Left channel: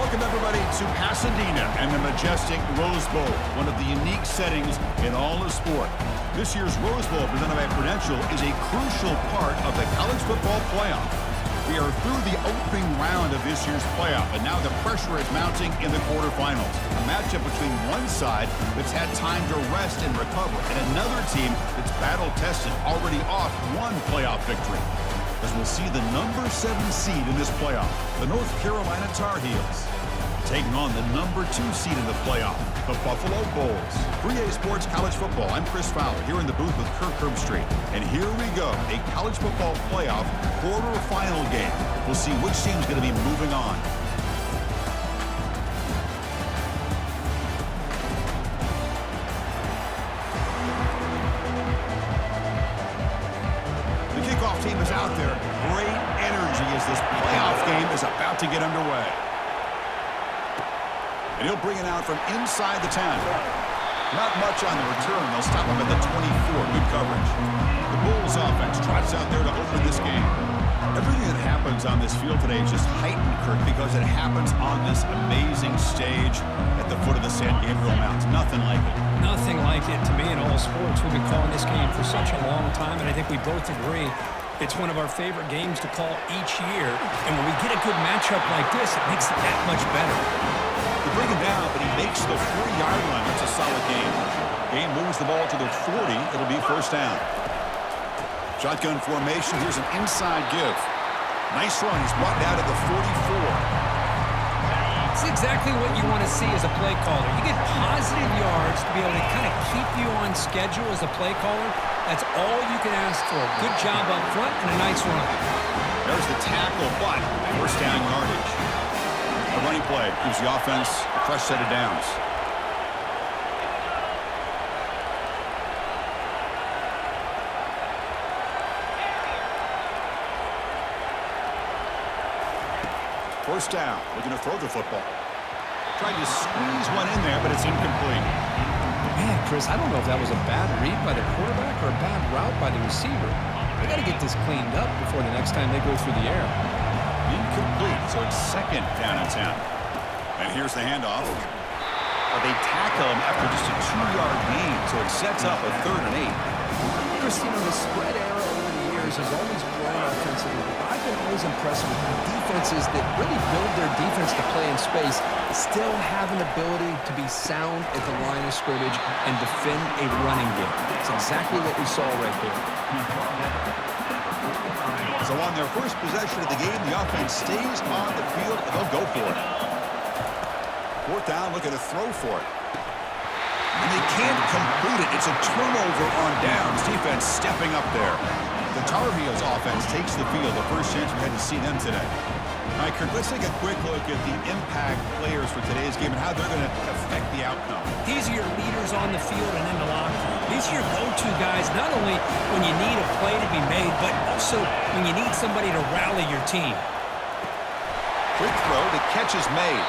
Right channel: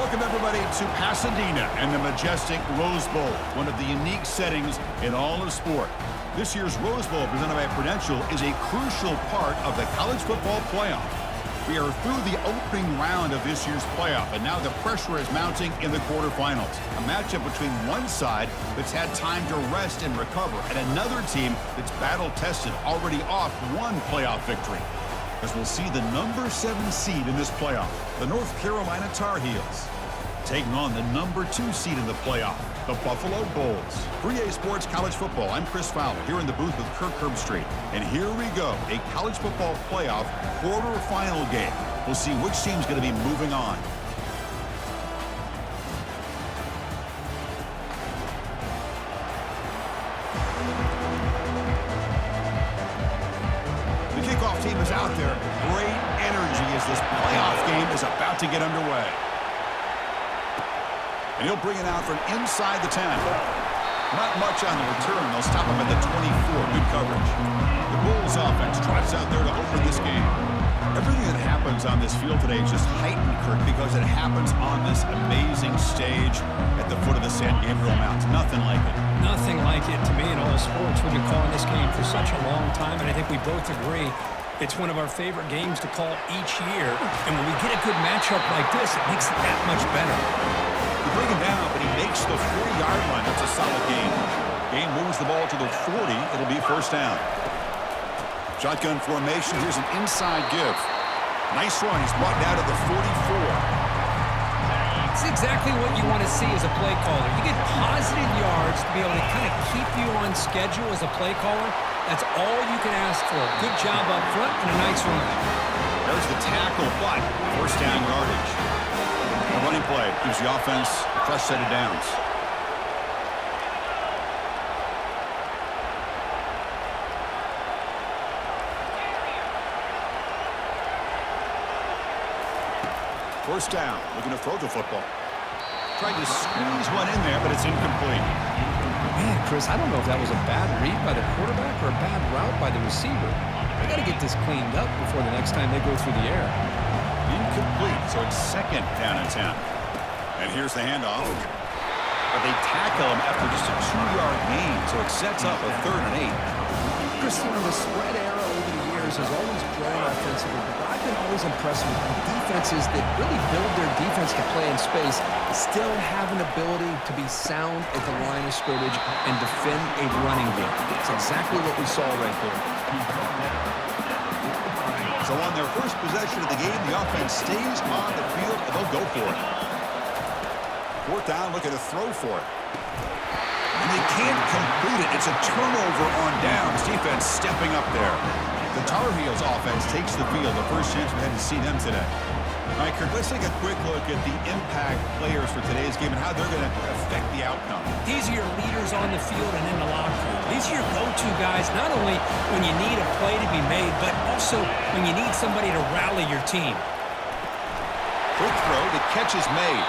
Welcome, everybody, to Pasadena and the majestic Rose Bowl, one of the unique settings in all of sport. This year's Rose Bowl, presented by Prudential, is a crucial part of the college football playoff. We are through the opening round of this year's playoff, and now the pressure is mounting in the quarterfinals. A matchup between one side that's had time to rest and recover, and another team that's battle-tested, already off one playoff victory. As we'll see the number 7 seed in this playoff, the North Carolina Tar Heels, taking on the number 2 seed in the playoff, the Buffalo Bulls. 3A Sports College Football, I'm Chris Fowler, here in the booth with Kirk Herbstreit. And here we go, a college football playoff quarterfinal game. We'll see which team's going to be moving on. Team is out there. Great energy as this playoff game is about to get underway. And he'll bring it out from inside the 10. Not much on the return. They'll stop him at the 24. Good coverage. The Bulls offense trots out there to open this game. Everything that happens on this field today is just heightened, Kirk, because it happens on this amazing stage at the foot of the San Gabriel Mountains. Nothing like it. Nothing like it to me in all sports. We've been calling this game for such a long time, and I think we both agree it's one of our favorite games to call each year. And when we get a good matchup like this, it makes it that much better. They bring him down, but he makes the 40-yard line. That's a solid game. Game moves the ball to the 40. It'll be first down. Shotgun formation. Here's an inside give. Nice run. He's brought down to the 44. It's exactly what you want to see as a play caller. You get positive yards to be able to kind of keep you on schedule as a play caller. That's all you can ask for. Good job up front and a nice run. There's the tackle, but first down yardage. A running play gives the offense a fresh set of downs. First down, looking to throw the football. Tried to squeeze one in there, but it's incomplete. Man, Chris, I don't know if that was a bad read by the quarterback or a bad route by the receiver. They got to get this cleaned up before the next time they go through the air. Incomplete, so it's second down and 10. And here's the handoff. They tackle him after just a 2-yard gain, so it sets up a 3rd and 8. Chris, you know, the spread era over the years has always grown offensively, but I've been always impressed with the defenses that really build their defense to play in space, still have an ability to be sound at the line of scrimmage and defend a running game. It's exactly what we saw right there. So on their first possession of the game, the offense stays on the field, and they'll go for it. 4th down, looking to throw for it. And they can't complete it. It's a turnover on downs. Defense stepping up there. The Tar Heels offense takes the field. The first chance we had to see them today. All right, Kirk, let's take a quick look at the impact players for today's game and how they're going to affect the outcome. These are your leaders on the field and in the locker room. These are your go-to guys, not only when you need a play to be made, but also when you need somebody to rally your team. Quick throw. The catch is made.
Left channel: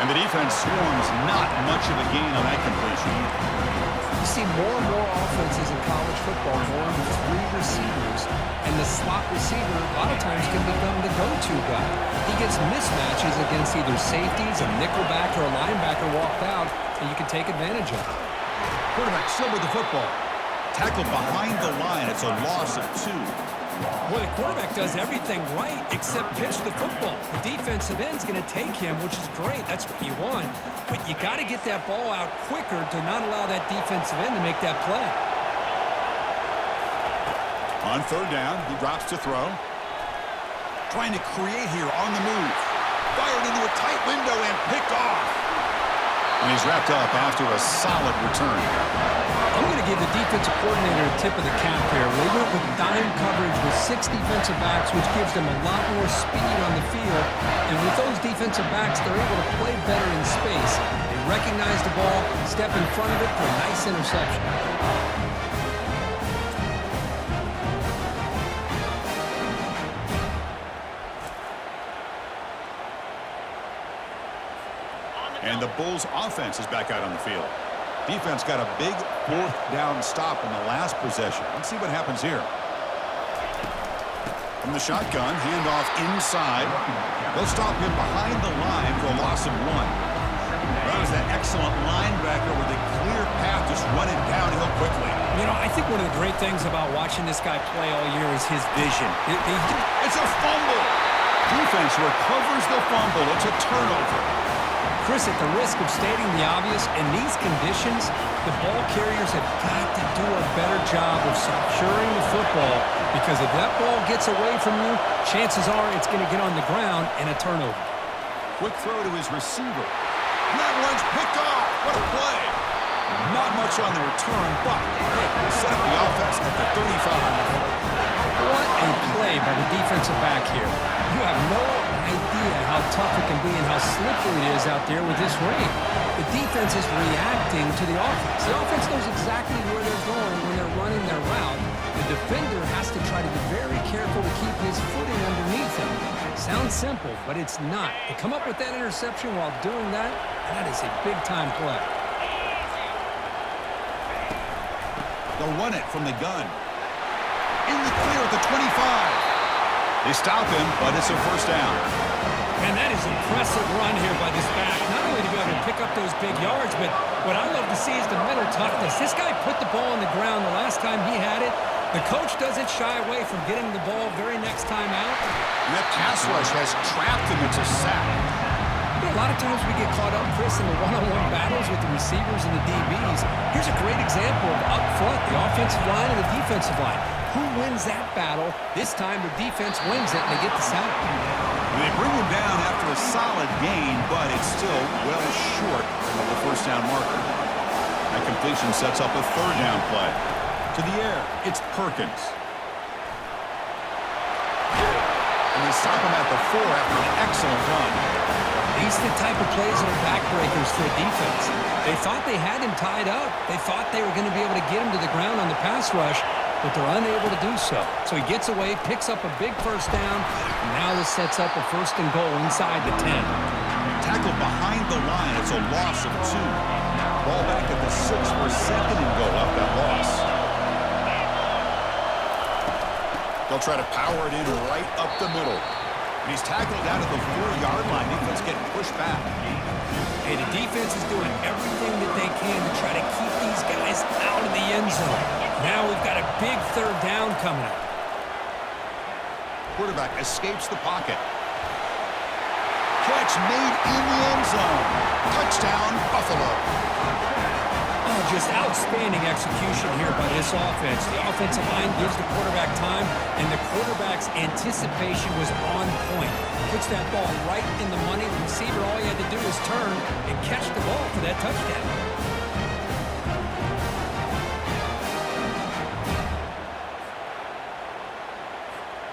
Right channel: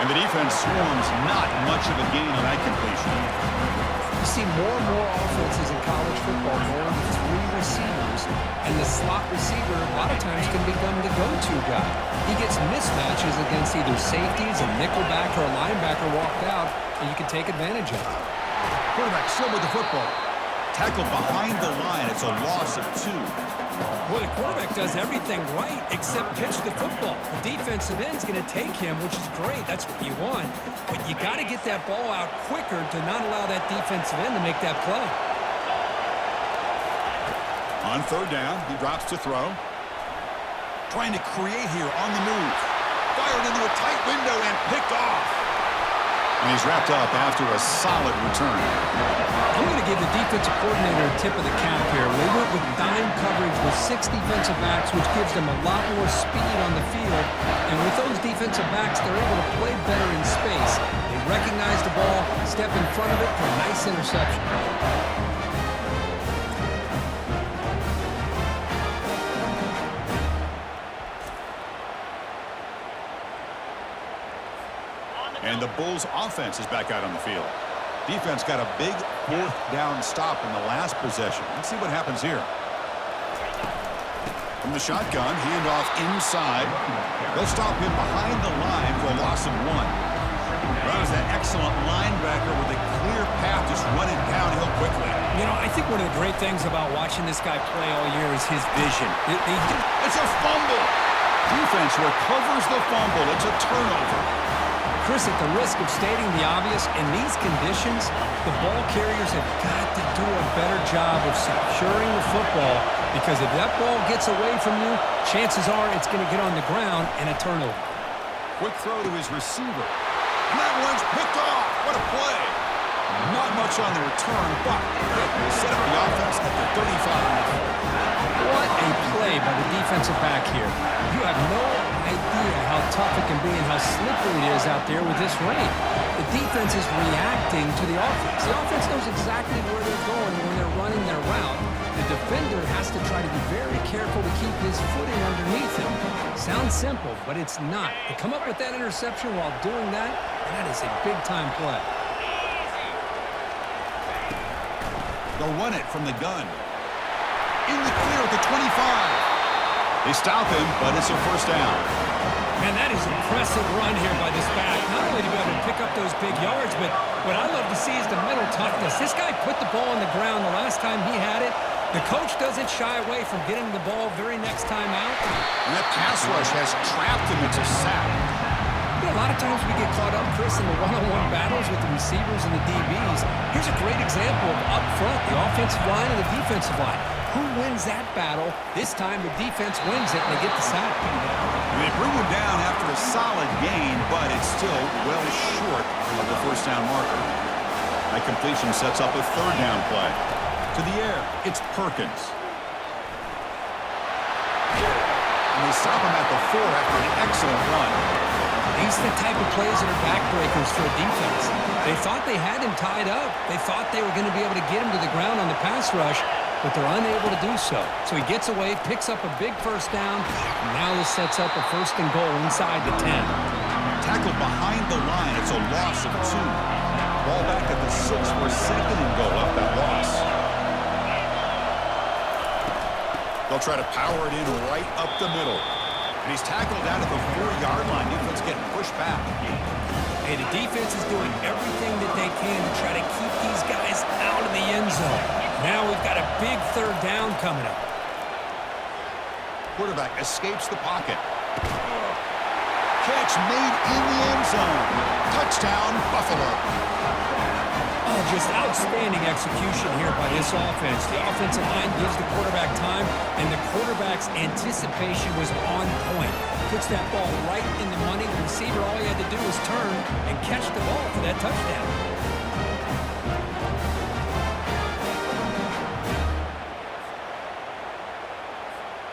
And the defense swarms. Not much of a gain on that completion. You see more and more offenses in college football going with 3 receivers, and the slot receiver a lot of times can become the go-to guy. He gets mismatches against either safeties, a nickelback, or a linebacker walked out, and you can take advantage of it. Quarterback still with the football. Tackled behind the line. It's a loss of 2. Well, the quarterback does everything right except pitch the football. The defensive end's going to take him, which is great. That's what you want. But you got to get that ball out quicker to not allow that defensive end to make that play. On 3rd down, he drops to throw. Trying to create here on the move. Fired into a tight window and picked off. And he's wrapped up after a solid return. I'm going to give the defensive coordinator a tip of the cap here. They went with dime coverage with 6 defensive backs, which gives them a lot more speed on the field. And with those defensive backs, they're able to play better in space. They recognize the ball, step in front of it for a nice interception. And the Bulls offense is back out on the field. Defense got a big 4th down stop in the last possession. Let's see what happens here. From the shotgun, handoff inside. They'll stop him behind the line for a loss of 1. That was that excellent linebacker with a clear path, just running downhill quickly. You know, I think one of the great things about watching this guy play all year is his vision. It's a fumble. Defense recovers the fumble. It's a turnover. Chris, at the risk of stating the obvious, in these conditions, the ball carriers have got to do a better job of securing the football, because if that ball gets away from you, chances are it's going to get on the ground and a turnover. Quick throw to his receiver. And that one's picked off. What a play. Not much on the return, but they set up the offense at the 35. What a play by the defensive back here. You have no idea how tough it can be and how slippery it is out there with this rain. The defense is reacting to the offense. The offense knows exactly where they're going when they're running their route. The defender has to try to be very careful to keep his footing underneath him. Sounds simple, but it's not. To come up with that interception while doing that, that is a big-time play. They'll run it from the gun. In the clear at the 25. They stop him, but it's a first down. Man, that is an impressive run here by this back. Not only to be able to pick up those big yards, but what I love to see is the mental toughness. This guy put the ball on the ground the last time he had it. The coach doesn't shy away from getting the ball very next time out. And that pass rush has trapped him into sack. You know, a lot of times we get caught up, Chris, in the one-on-one battles with the receivers and the DBs. Here's a great example of up front, the offensive line and the defensive line. Who wins that battle? This time the defense wins it and they get the sack. And they bring him down after a solid gain, but it's still well short of the first down marker. That completion sets up a third down play. To the air, it's Perkins. And they stop him at the 4 after an excellent run. These are the type of plays that are backbreakers for a defense. They thought they had him tied up. They thought they were going to be able to get him to the ground on the pass rush, but they're unable to do so. So he gets away, picks up a big first down, and now this sets up a first and goal inside the 10. Tackled behind the line, it's a loss of 2. Ball back at the 6 for a second and goal up that loss. They'll try to power it in right up the middle. And he's tackled out at the 4-yard line. Defense getting pushed back. Hey, the defense is doing everything that they can to try to keep these guys out of the end zone. Now we've got a big third down coming up. Quarterback escapes the pocket. Catch made in the end zone. Touchdown, Buffalo. Oh, just outstanding execution here by this offense. The offensive line gives the quarterback time, and the quarterback's anticipation was on point. Puts that ball right in the money. The receiver, all he had to do was turn and catch the ball for that touchdown.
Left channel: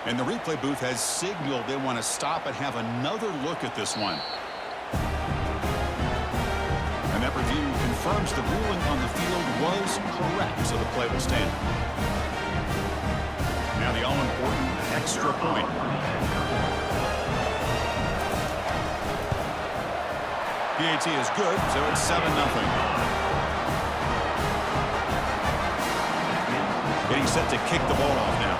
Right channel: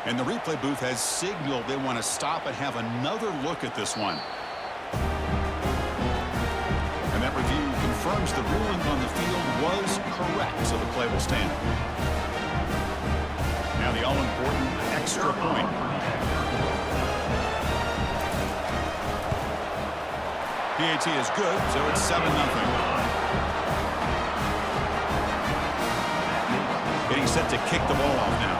And the replay booth has signaled they want to stop and have another look at this one. And that review confirms the ruling on the field was correct, so the play will stand. Now the all-important extra point. PAT is good, so it's 7-0. Getting set to kick the ball off now.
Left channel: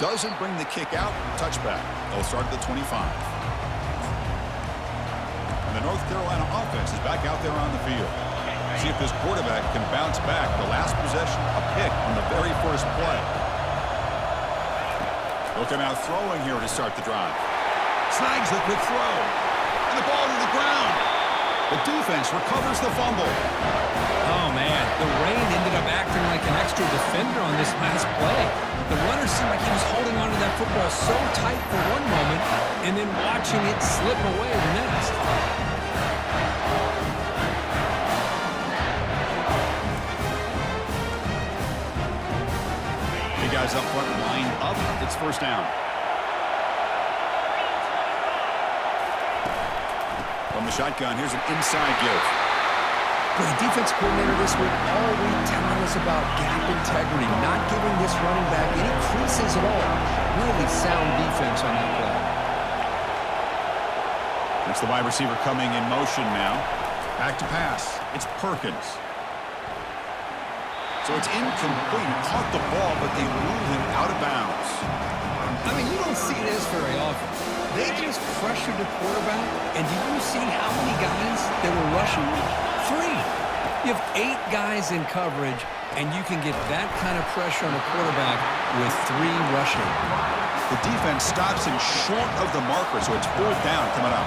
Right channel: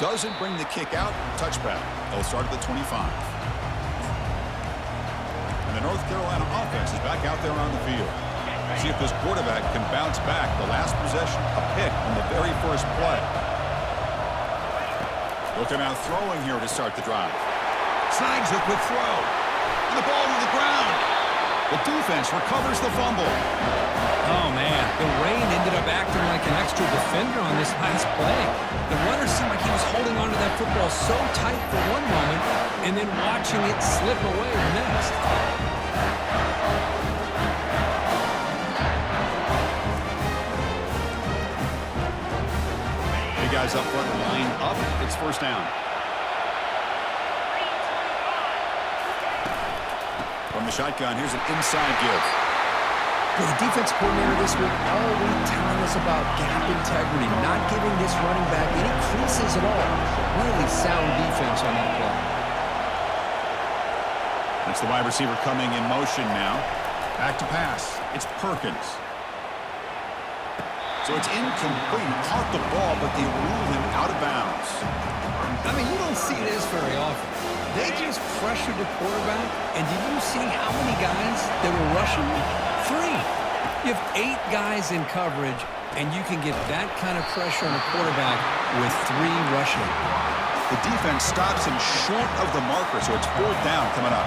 Doesn't bring the kick out. Touchback. They'll start at the 25. And the North Carolina offense is back out there on the field. See if this quarterback can bounce back. The last possession, a pick on the very first play. They'll come out throwing here to start the drive. Snags the quick throw. And the ball to the ground. The defense recovers the fumble. Oh, man, the rain ended up acting like an extra defender on this last play. The runner seemed like he was holding onto that football so tight for one moment and then watching it slip away the next. Big guys up front line up. It's first down. From the shotgun, here's an inside give. The defense coordinator this week all week telling us about gap integrity, not giving this running back any creases at all. Really sound defense on that play. That's the wide receiver coming in motion now. Back to pass. It's Perkins. So it's incomplete. He caught the ball, but they ruled him out of bounds. I mean, you don't see this very often. They just pressured the quarterback, and did you see how many guys that were rushing? 3. You have 8 guys in coverage, and you can get that kind of pressure on a quarterback with 3 rushing. The defense stops him short of the marker, so it's 4th down coming up.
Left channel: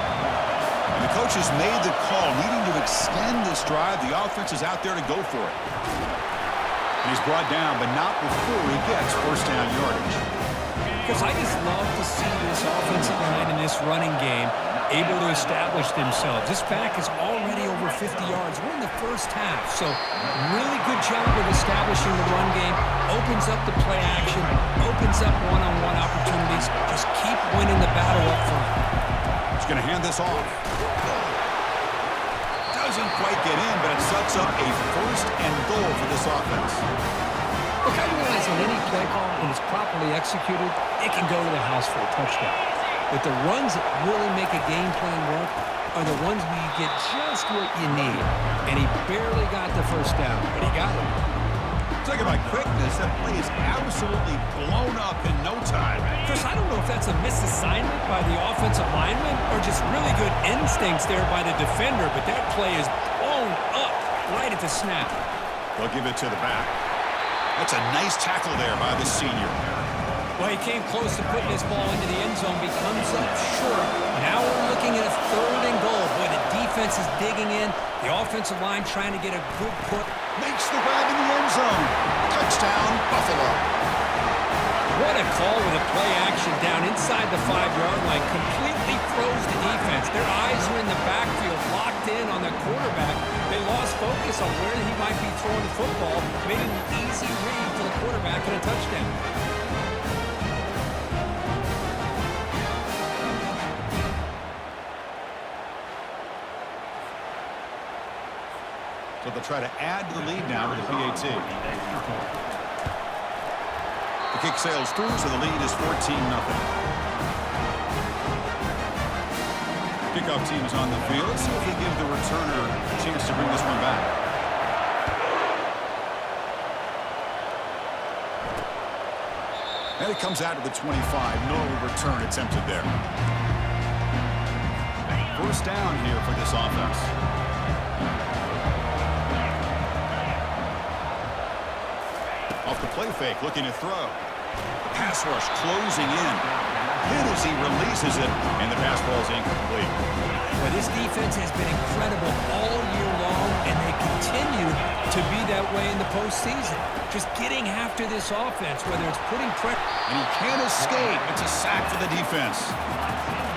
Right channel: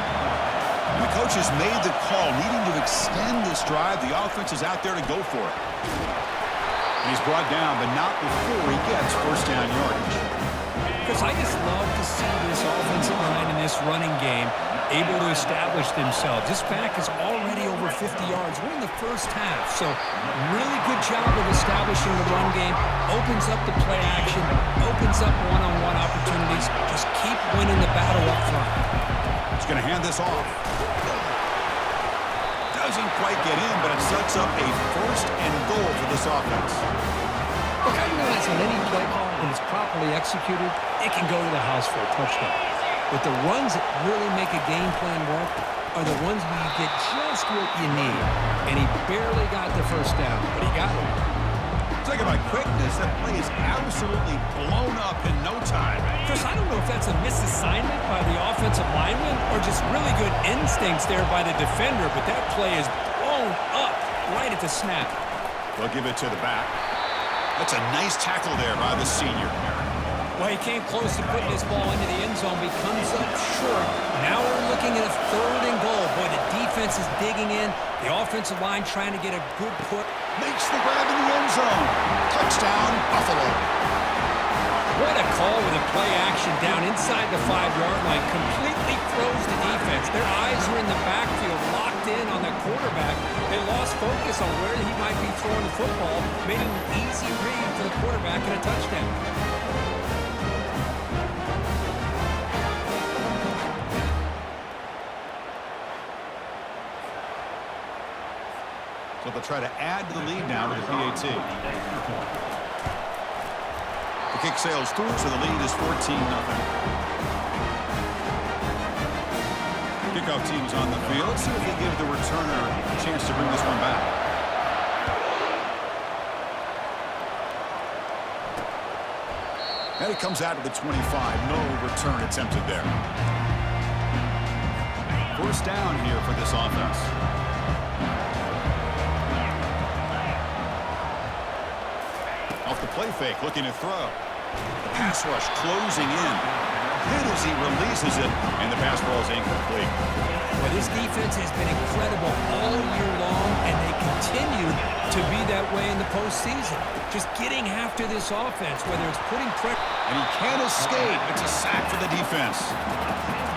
And the coach has made the call, needing to extend this drive. The offense is out there to go for it. And he's brought down, but not before he gets first down yardage. Because I just love to see this offensive line in this running game able to establish themselves. This back is already over 50 yards. We're in the first half, so really good job of establishing the run game. Opens up the play action, opens up one-on-one opportunities. Just keep winning the battle up front. He's going to hand this off. Doesn't quite get in, but it sets up a first and goal for this offense. Look, I realize on any play call, when it's properly executed, it can go to the house for a touchdown. But the runs that really make a game plan work are the ones where you get just what you need. And he barely got the first down, but he got it. Talk about quickness. That play is absolutely blown up in no time. Chris, I don't know if that's a misassignment by the offensive lineman or just really good instincts there by the defender, but that play is blown up right at the snap. They'll give it to the back. That's a nice tackle there by the senior. Well, he came close to putting this ball into the end zone, but he comes up short. Now we're looking at a 3rd and goal. Boy, the defense is digging in. The offensive line trying to get a good put. Makes the grab in the end zone. Touchdown, Buffalo. What a call with a play action down inside the 5-yard line. Completely throws the defense. Their eyes were in the backfield, locked in on the quarterback. They lost focus on where he might be throwing the football. Made it an easy read for the quarterback and a touchdown. So they'll try to add to the lead now with the PAT. The kick sails through, so the lead is 14-0. Kickoff team is on the field. Let's see if they give the returner a chance to bring this one back. And it comes out to the 25. No return attempted there. First down here for this offense. Off the play fake, looking to throw. The pass rush closing in. Hit as he releases it, and the pass ball is incomplete. Well, this defense has been incredible all year long, and they continue to be that way in the postseason. Just getting after this offense, whether it's putting pressure. And he can't escape. It's a sack for the defense.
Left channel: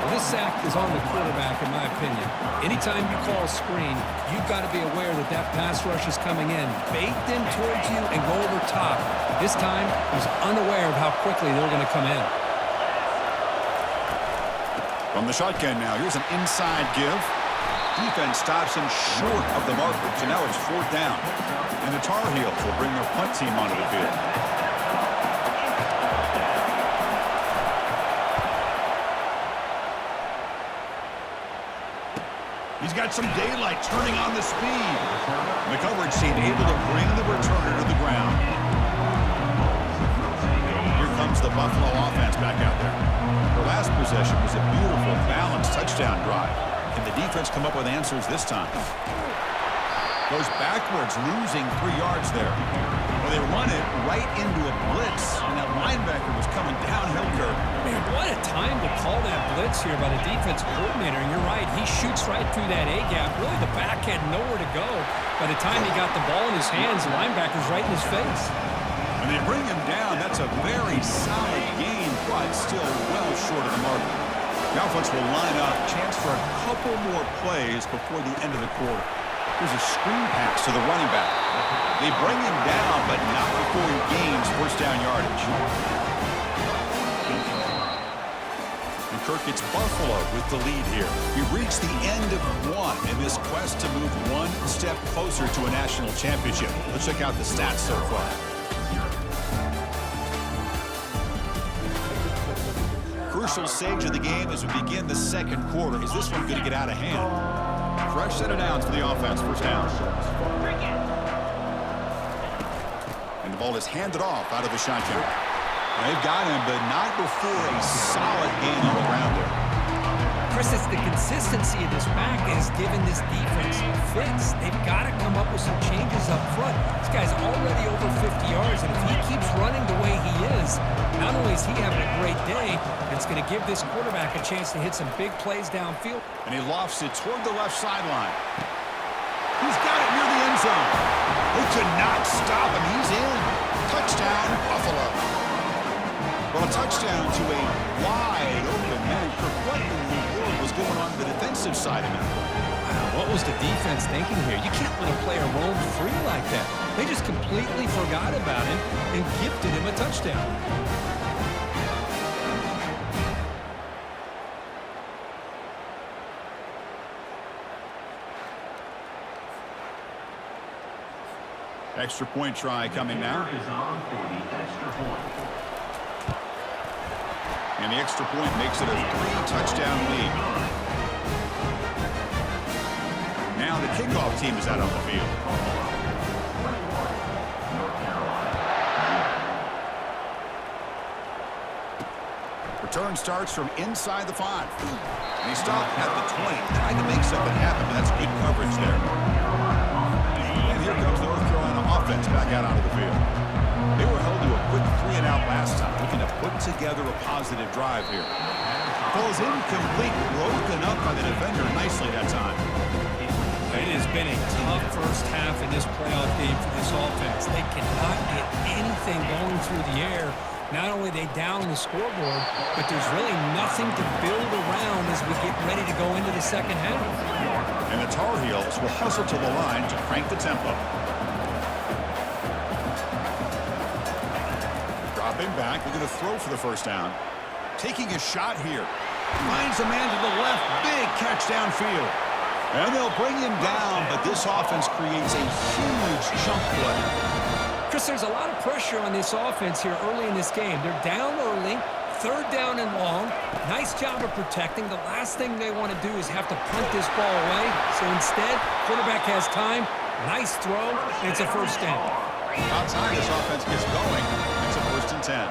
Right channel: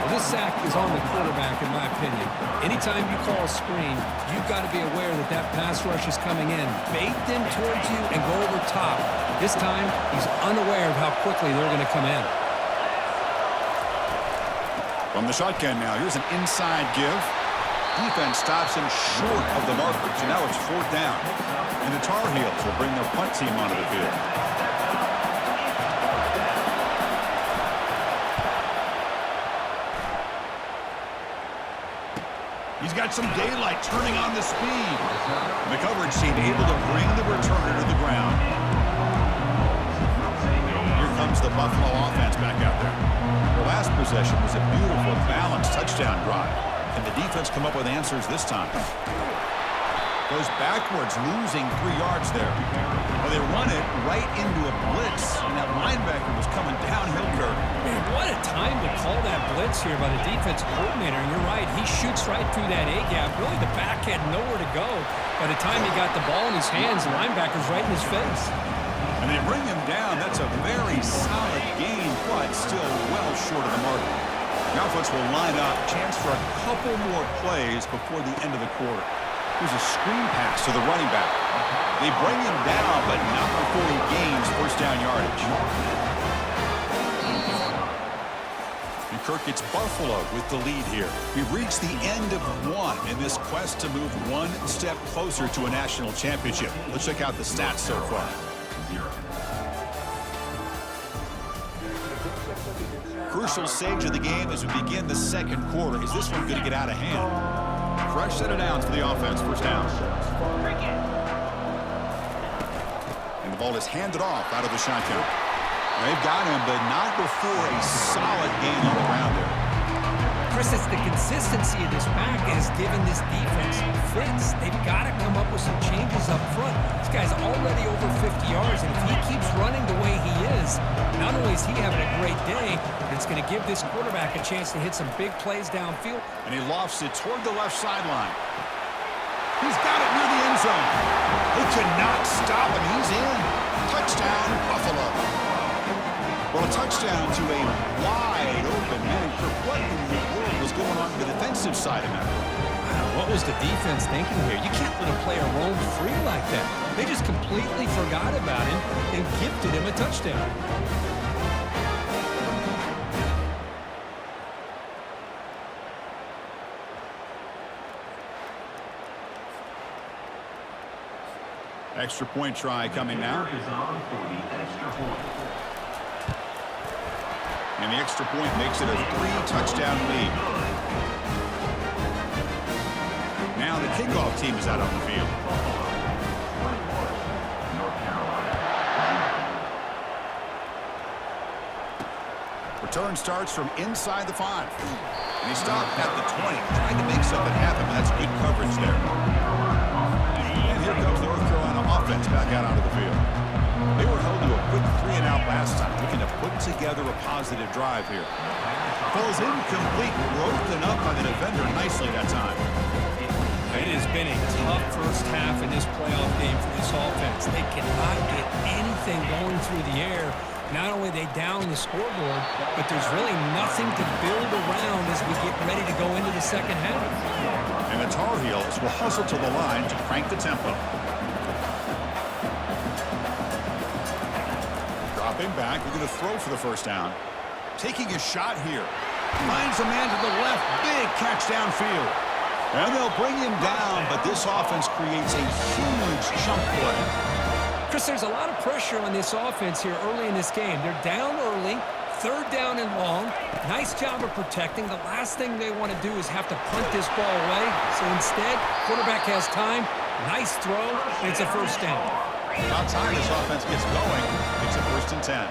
Well, this sack is on the quarterback, in my opinion. Anytime you call a screen, you've got to be aware that that pass rush is coming in. Bait them towards you and go over top. This time, he's unaware of how quickly they're going to come in. From the shotgun now, here's an inside give. Defense stops him short of the marker, so now it's 4th down. And the Tar Heels will bring their punt team onto the field. He's got some daylight turning on the speed. And the coverage team able to bring the returner to the ground. Here comes the Buffalo offense back out there. Their last possession was a beautiful, balanced touchdown drive. Can the defense come up with answers this time? Goes backwards, losing 3 yards there. Well, they run it right into a blitz, and that linebacker was coming downhill curve. Man, what a time to call that blitz here by the defensive coordinator. And you're right, he shoots right through that A-gap. Really, the back had nowhere to go. By the time he got the ball in his hands, the linebacker's right in his face. And they bring him down. That's a very solid gain, but still well short of the mark. The offense will line up. Chance for a couple more plays before the end of the quarter. Here's a screen pass to the running back. They bring him down, but not before he gains first down yardage. And Kirk, it's Buffalo with the lead here. We've reached the end of one in this quest to move one step closer to a national championship. Let's check out the stats so far. Crucial stage of the game as we begin the second quarter. Is this one going to get out of hand? fresh set of downs for the offense. First down. And the ball is handed off out of the shotgun. They've got him, but not before a solid gain on the ground there. Chris, it's the consistency of this back that has given this defense fits. They've got to come up with some changes up front. This guy's already over 50 yards, and if he keeps running the way he is, not only is he having a great day, it's going to give this quarterback a chance to hit some big plays downfield. And he lofts it toward the left sideline. He's got it near the end zone. They could not stop him. He's in. Touchdown, Buffalo. Well, a touchdown to a wide open man. What in the world was going on the defensive side of that one? Wow, what was the defense thinking here? You can't let a player roam free like that. They just completely forgot about him and gifted him a touchdown. Extra point try coming now. And the extra point makes it a 3-touchdown lead. Now the kickoff team is out on the field. Return starts from inside the 5. And he stopped at the 20, trying to make something happen, but that's good coverage there. And here comes the North Carolina offense back out onto the field. They were held to a quick 3-and-out last time, looking to put together a positive drive here. Falls incomplete, broken up by the defender nicely that time. It has been a tough first half in this playoff game for this offense. They cannot get anything going through the air. Not only they down the scoreboard, but there's really nothing to build around as we get ready to go into the second half. And the Tar Heels will hustle to the line to crank the tempo. Dropping back, we're going to throw for the first down. Taking a shot here. Finds a man to the left. Big catch downfield. And they'll bring him down, but this offense creates a huge chunk play. Chris, there's a lot of pressure on this offense here early in this game. They're down early, third down and long. Nice job of protecting. The last thing they want to do is have to punt this ball away. So instead, quarterback has time. Nice throw, and it's a first down. About time this offense gets going. It's a 1st and 10.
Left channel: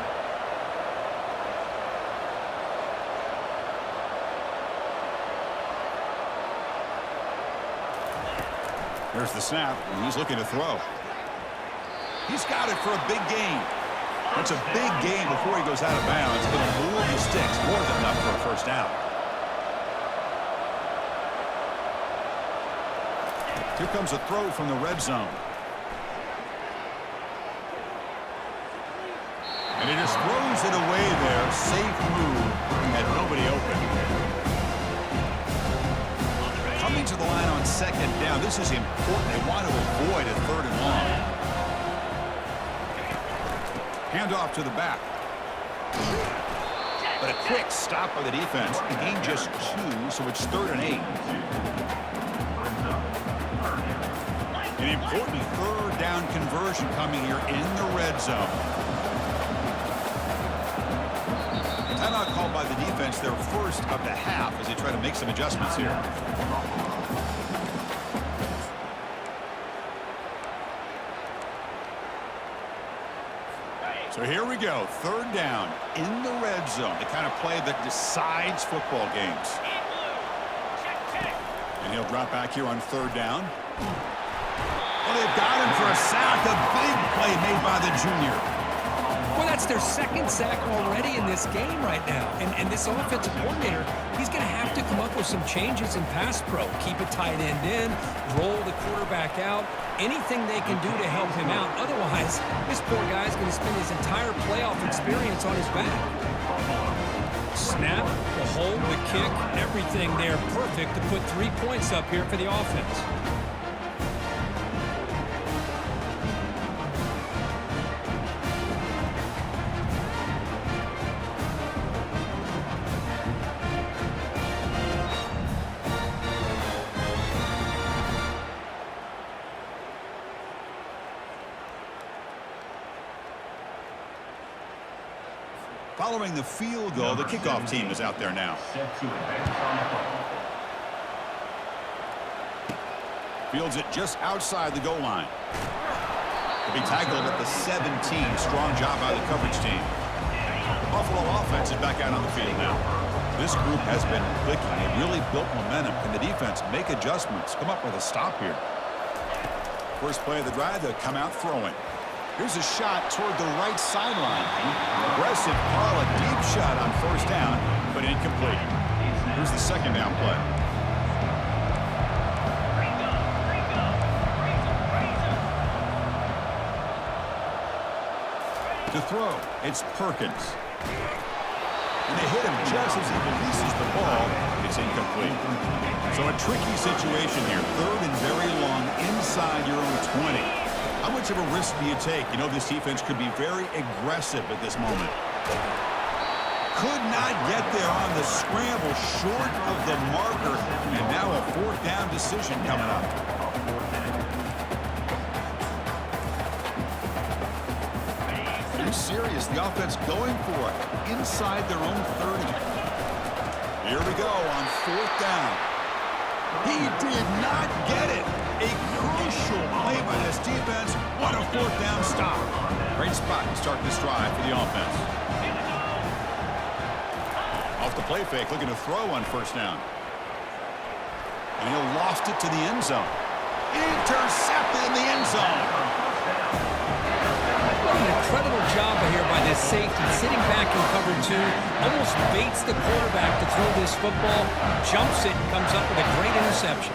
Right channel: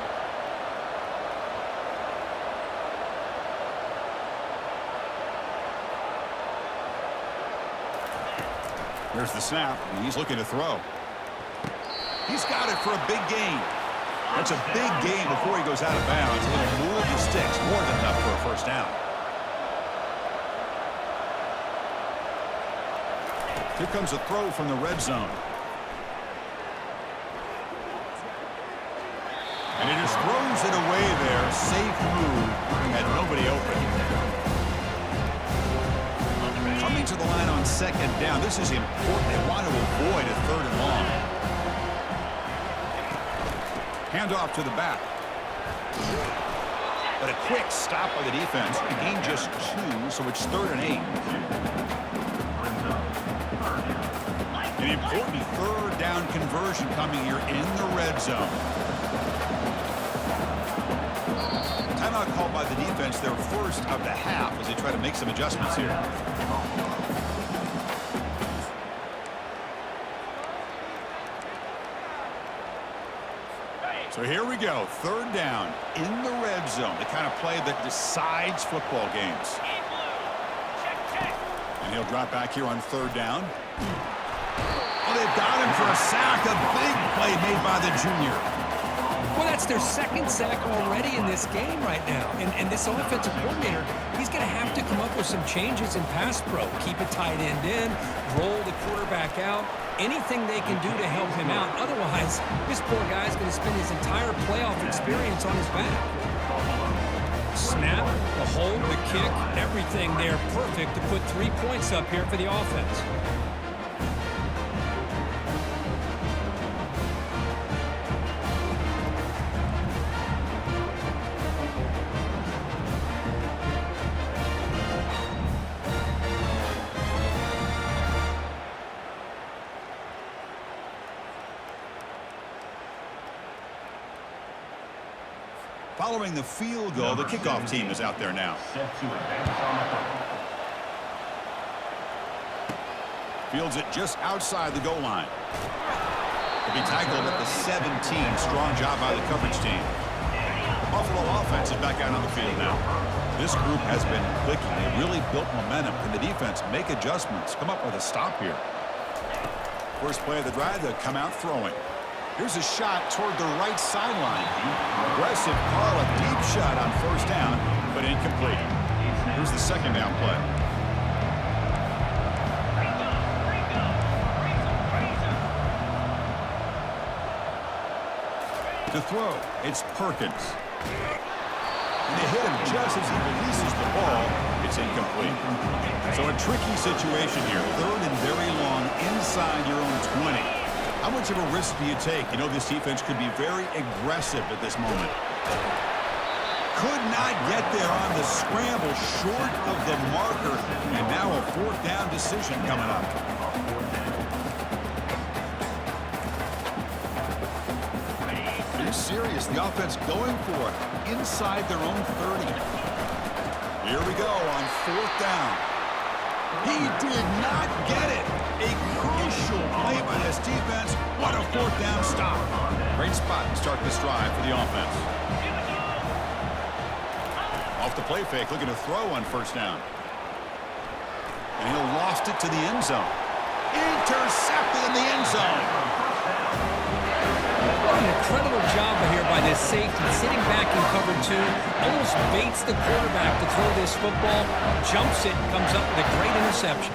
Here's the snap, and he's looking to throw. He's got it for a big gain. That's a big gain before he goes out of bounds. It'll move the sticks more than enough for a first down. Here comes a throw from the red zone. And he just throws it away there. Safe move. Had nobody open. Coming to the line on second down. This is important. They want to avoid a 3rd and long. Handoff to the back. But a quick stop by the defense. He gained just 2, so it's 3rd and 8. An important 3rd down conversion coming here in the red zone. Timeout called by the defense, their first of the half, as they try to make some adjustments here. So here we go, 3rd down in the red zone, the kind of play that decides football games. And he'll drop back here on 3rd down. Oh, they've got him for a sack, a big play made by the junior. Well, that's their 2nd sack already in this game right now. And this offensive coordinator, he's going to have to come up with some changes in pass pro. Keep a tight end in, roll the quarterback out, anything they can do to help him out. Otherwise, this poor guy's going to spend his entire playoff experience on his back. Snap, the hold, the kick, everything there perfect to put 3 points up here for the offense. Following the field goal, the kickoff team is out there now. Fields it just outside the goal line. He'll be tackled at the 17. Strong job by the coverage team. The Buffalo offense is back out on the field now. This group has been clicking. They really built momentum. Can the defense make adjustments? Come up with a stop here. First play of the drive, they'll come out throwing. Here's a shot toward the right sideline. Aggressive call, a deep shot on first down, but incomplete. Here's the second down play. To throw, it's Perkins. And they hit him just as he releases the ball. It's incomplete. So a tricky situation here. Third and very long inside your own 20. How much of a risk do you take? You know, this defense could be very aggressive at this moment. Could not get there on the scramble, short of the marker. And now a fourth down decision coming up. Are you serious? The offense going for it inside their own 30. Here we go on fourth down. He did not get it. A crucial play by this defense. What a fourth down stop. Great spot to start this drive for the offense. Off the play fake, looking to throw on first down. And he'll loft it to the end zone. Intercepted in the end zone. What an incredible job here by this safety, sitting back in cover two, almost baits the quarterback to throw this football, jumps it, and comes up with a great interception.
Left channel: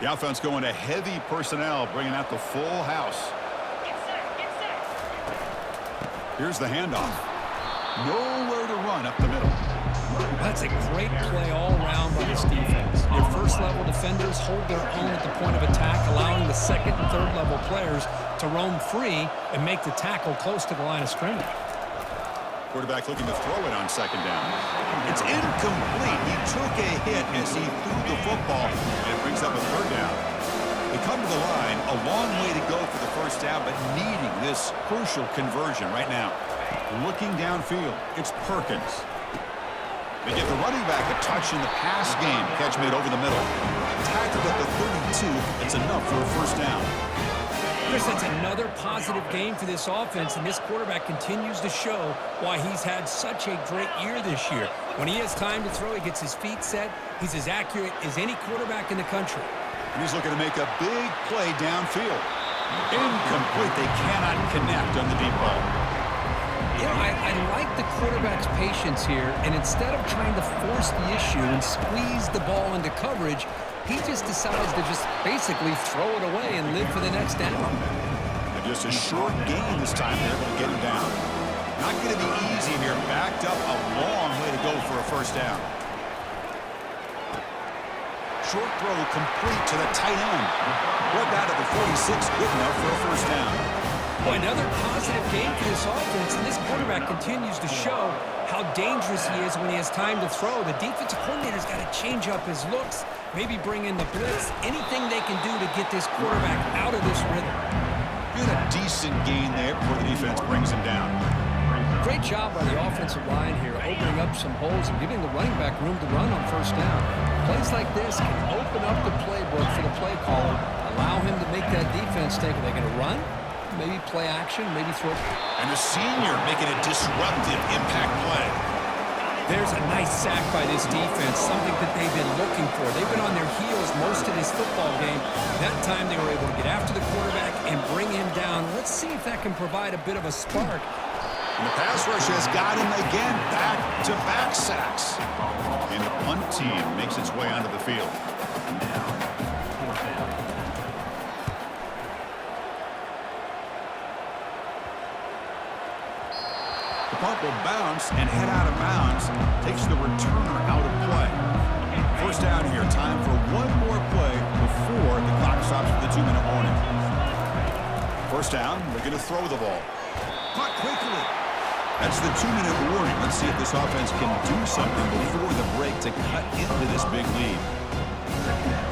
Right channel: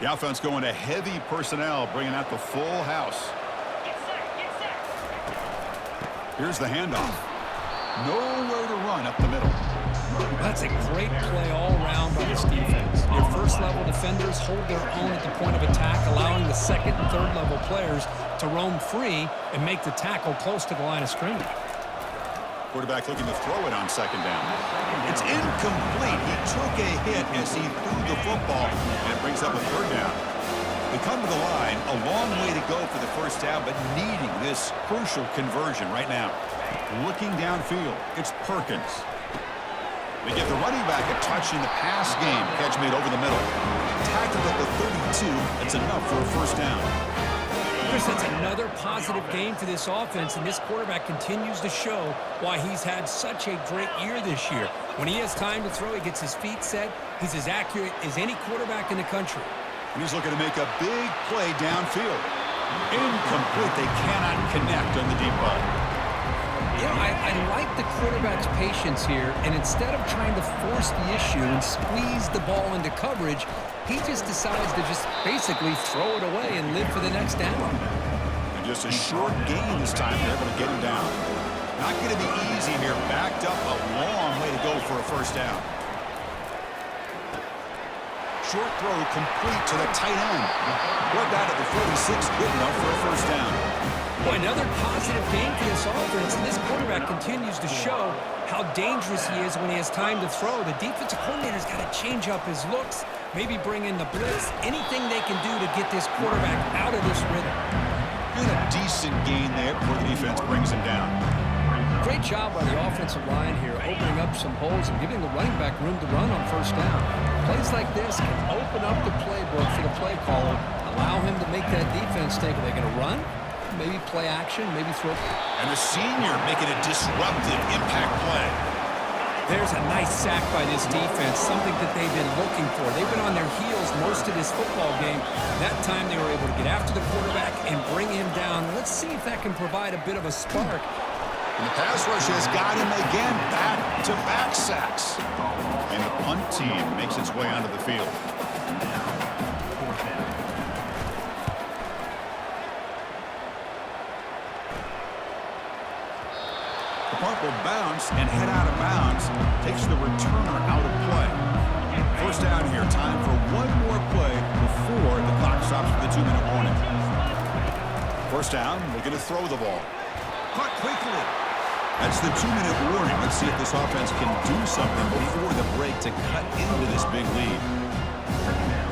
The offense going to heavy personnel, bringing out the full house. Here's the handoff. Nowhere to run up the middle. That's a great play all around by this defense. Your first-level defenders hold their own at the point of attack, allowing the second and third-level players to roam free and make the tackle close to the line of scrimmage. Quarterback looking to throw it on second down. It's incomplete. He took a hit as he threw the football, and it brings up a third down. They come to the line, a long way to go for the first down, but needing this crucial conversion right now. Looking downfield, it's Perkins. They give the running back a touch in the pass game. Catch made over the middle. Tackled at the 32. It's enough for a first down. Chris, that's another positive game for this offense, and this quarterback continues to show why he's had such a great year this year. When he has time to throw, he gets his feet set. He's as accurate as any quarterback in the country. And he's looking to make a big play downfield. Incomplete. They cannot connect on the deep ball. You know, I like the quarterback's patience here, and instead of trying to force the issue and squeeze the ball into coverage, he just decides to just basically throw it away and live for the next down. And just a short gain this time. They're able to get him down. Not going to be easy here. Backed up a long way to go for a first down. Short throw complete to the tight end. Brought down to the 46. Good enough for a first down. Boy, another positive game for this offense, and this quarterback continues to show how dangerous he is when he has time to throw. The defensive coordinator's got to change up his looks, maybe bring in the blitz, anything they can do to get this quarterback out of this rhythm. Good, a decent gain there before the defense brings him down. Great job by the offensive line here, opening up some holes and giving the running back room to run on first down. Plays like this can open up the playbook for the play caller, allow him to make that defense think, are they going to run? Maybe play action, maybe throw. And the senior making a disruptive impact play. There's a nice sack by this defense, something that they've been looking for. They've been on their heels most of this football game. That time they were able to get after the quarterback and bring him down. Let's see if that can provide a bit of a spark. And the pass rush has got him again, back-to-back sacks. And the punt team makes its way onto the field. The punt will bounce and head out of bounds. Takes the returner out of play. First down here. Time for one more play before the clock stops for the 2-minute warning. First down. They're going to throw the ball. Caught quickly. That's the 2-minute warning. Let's see if this offense can do something before the break to cut into this big lead.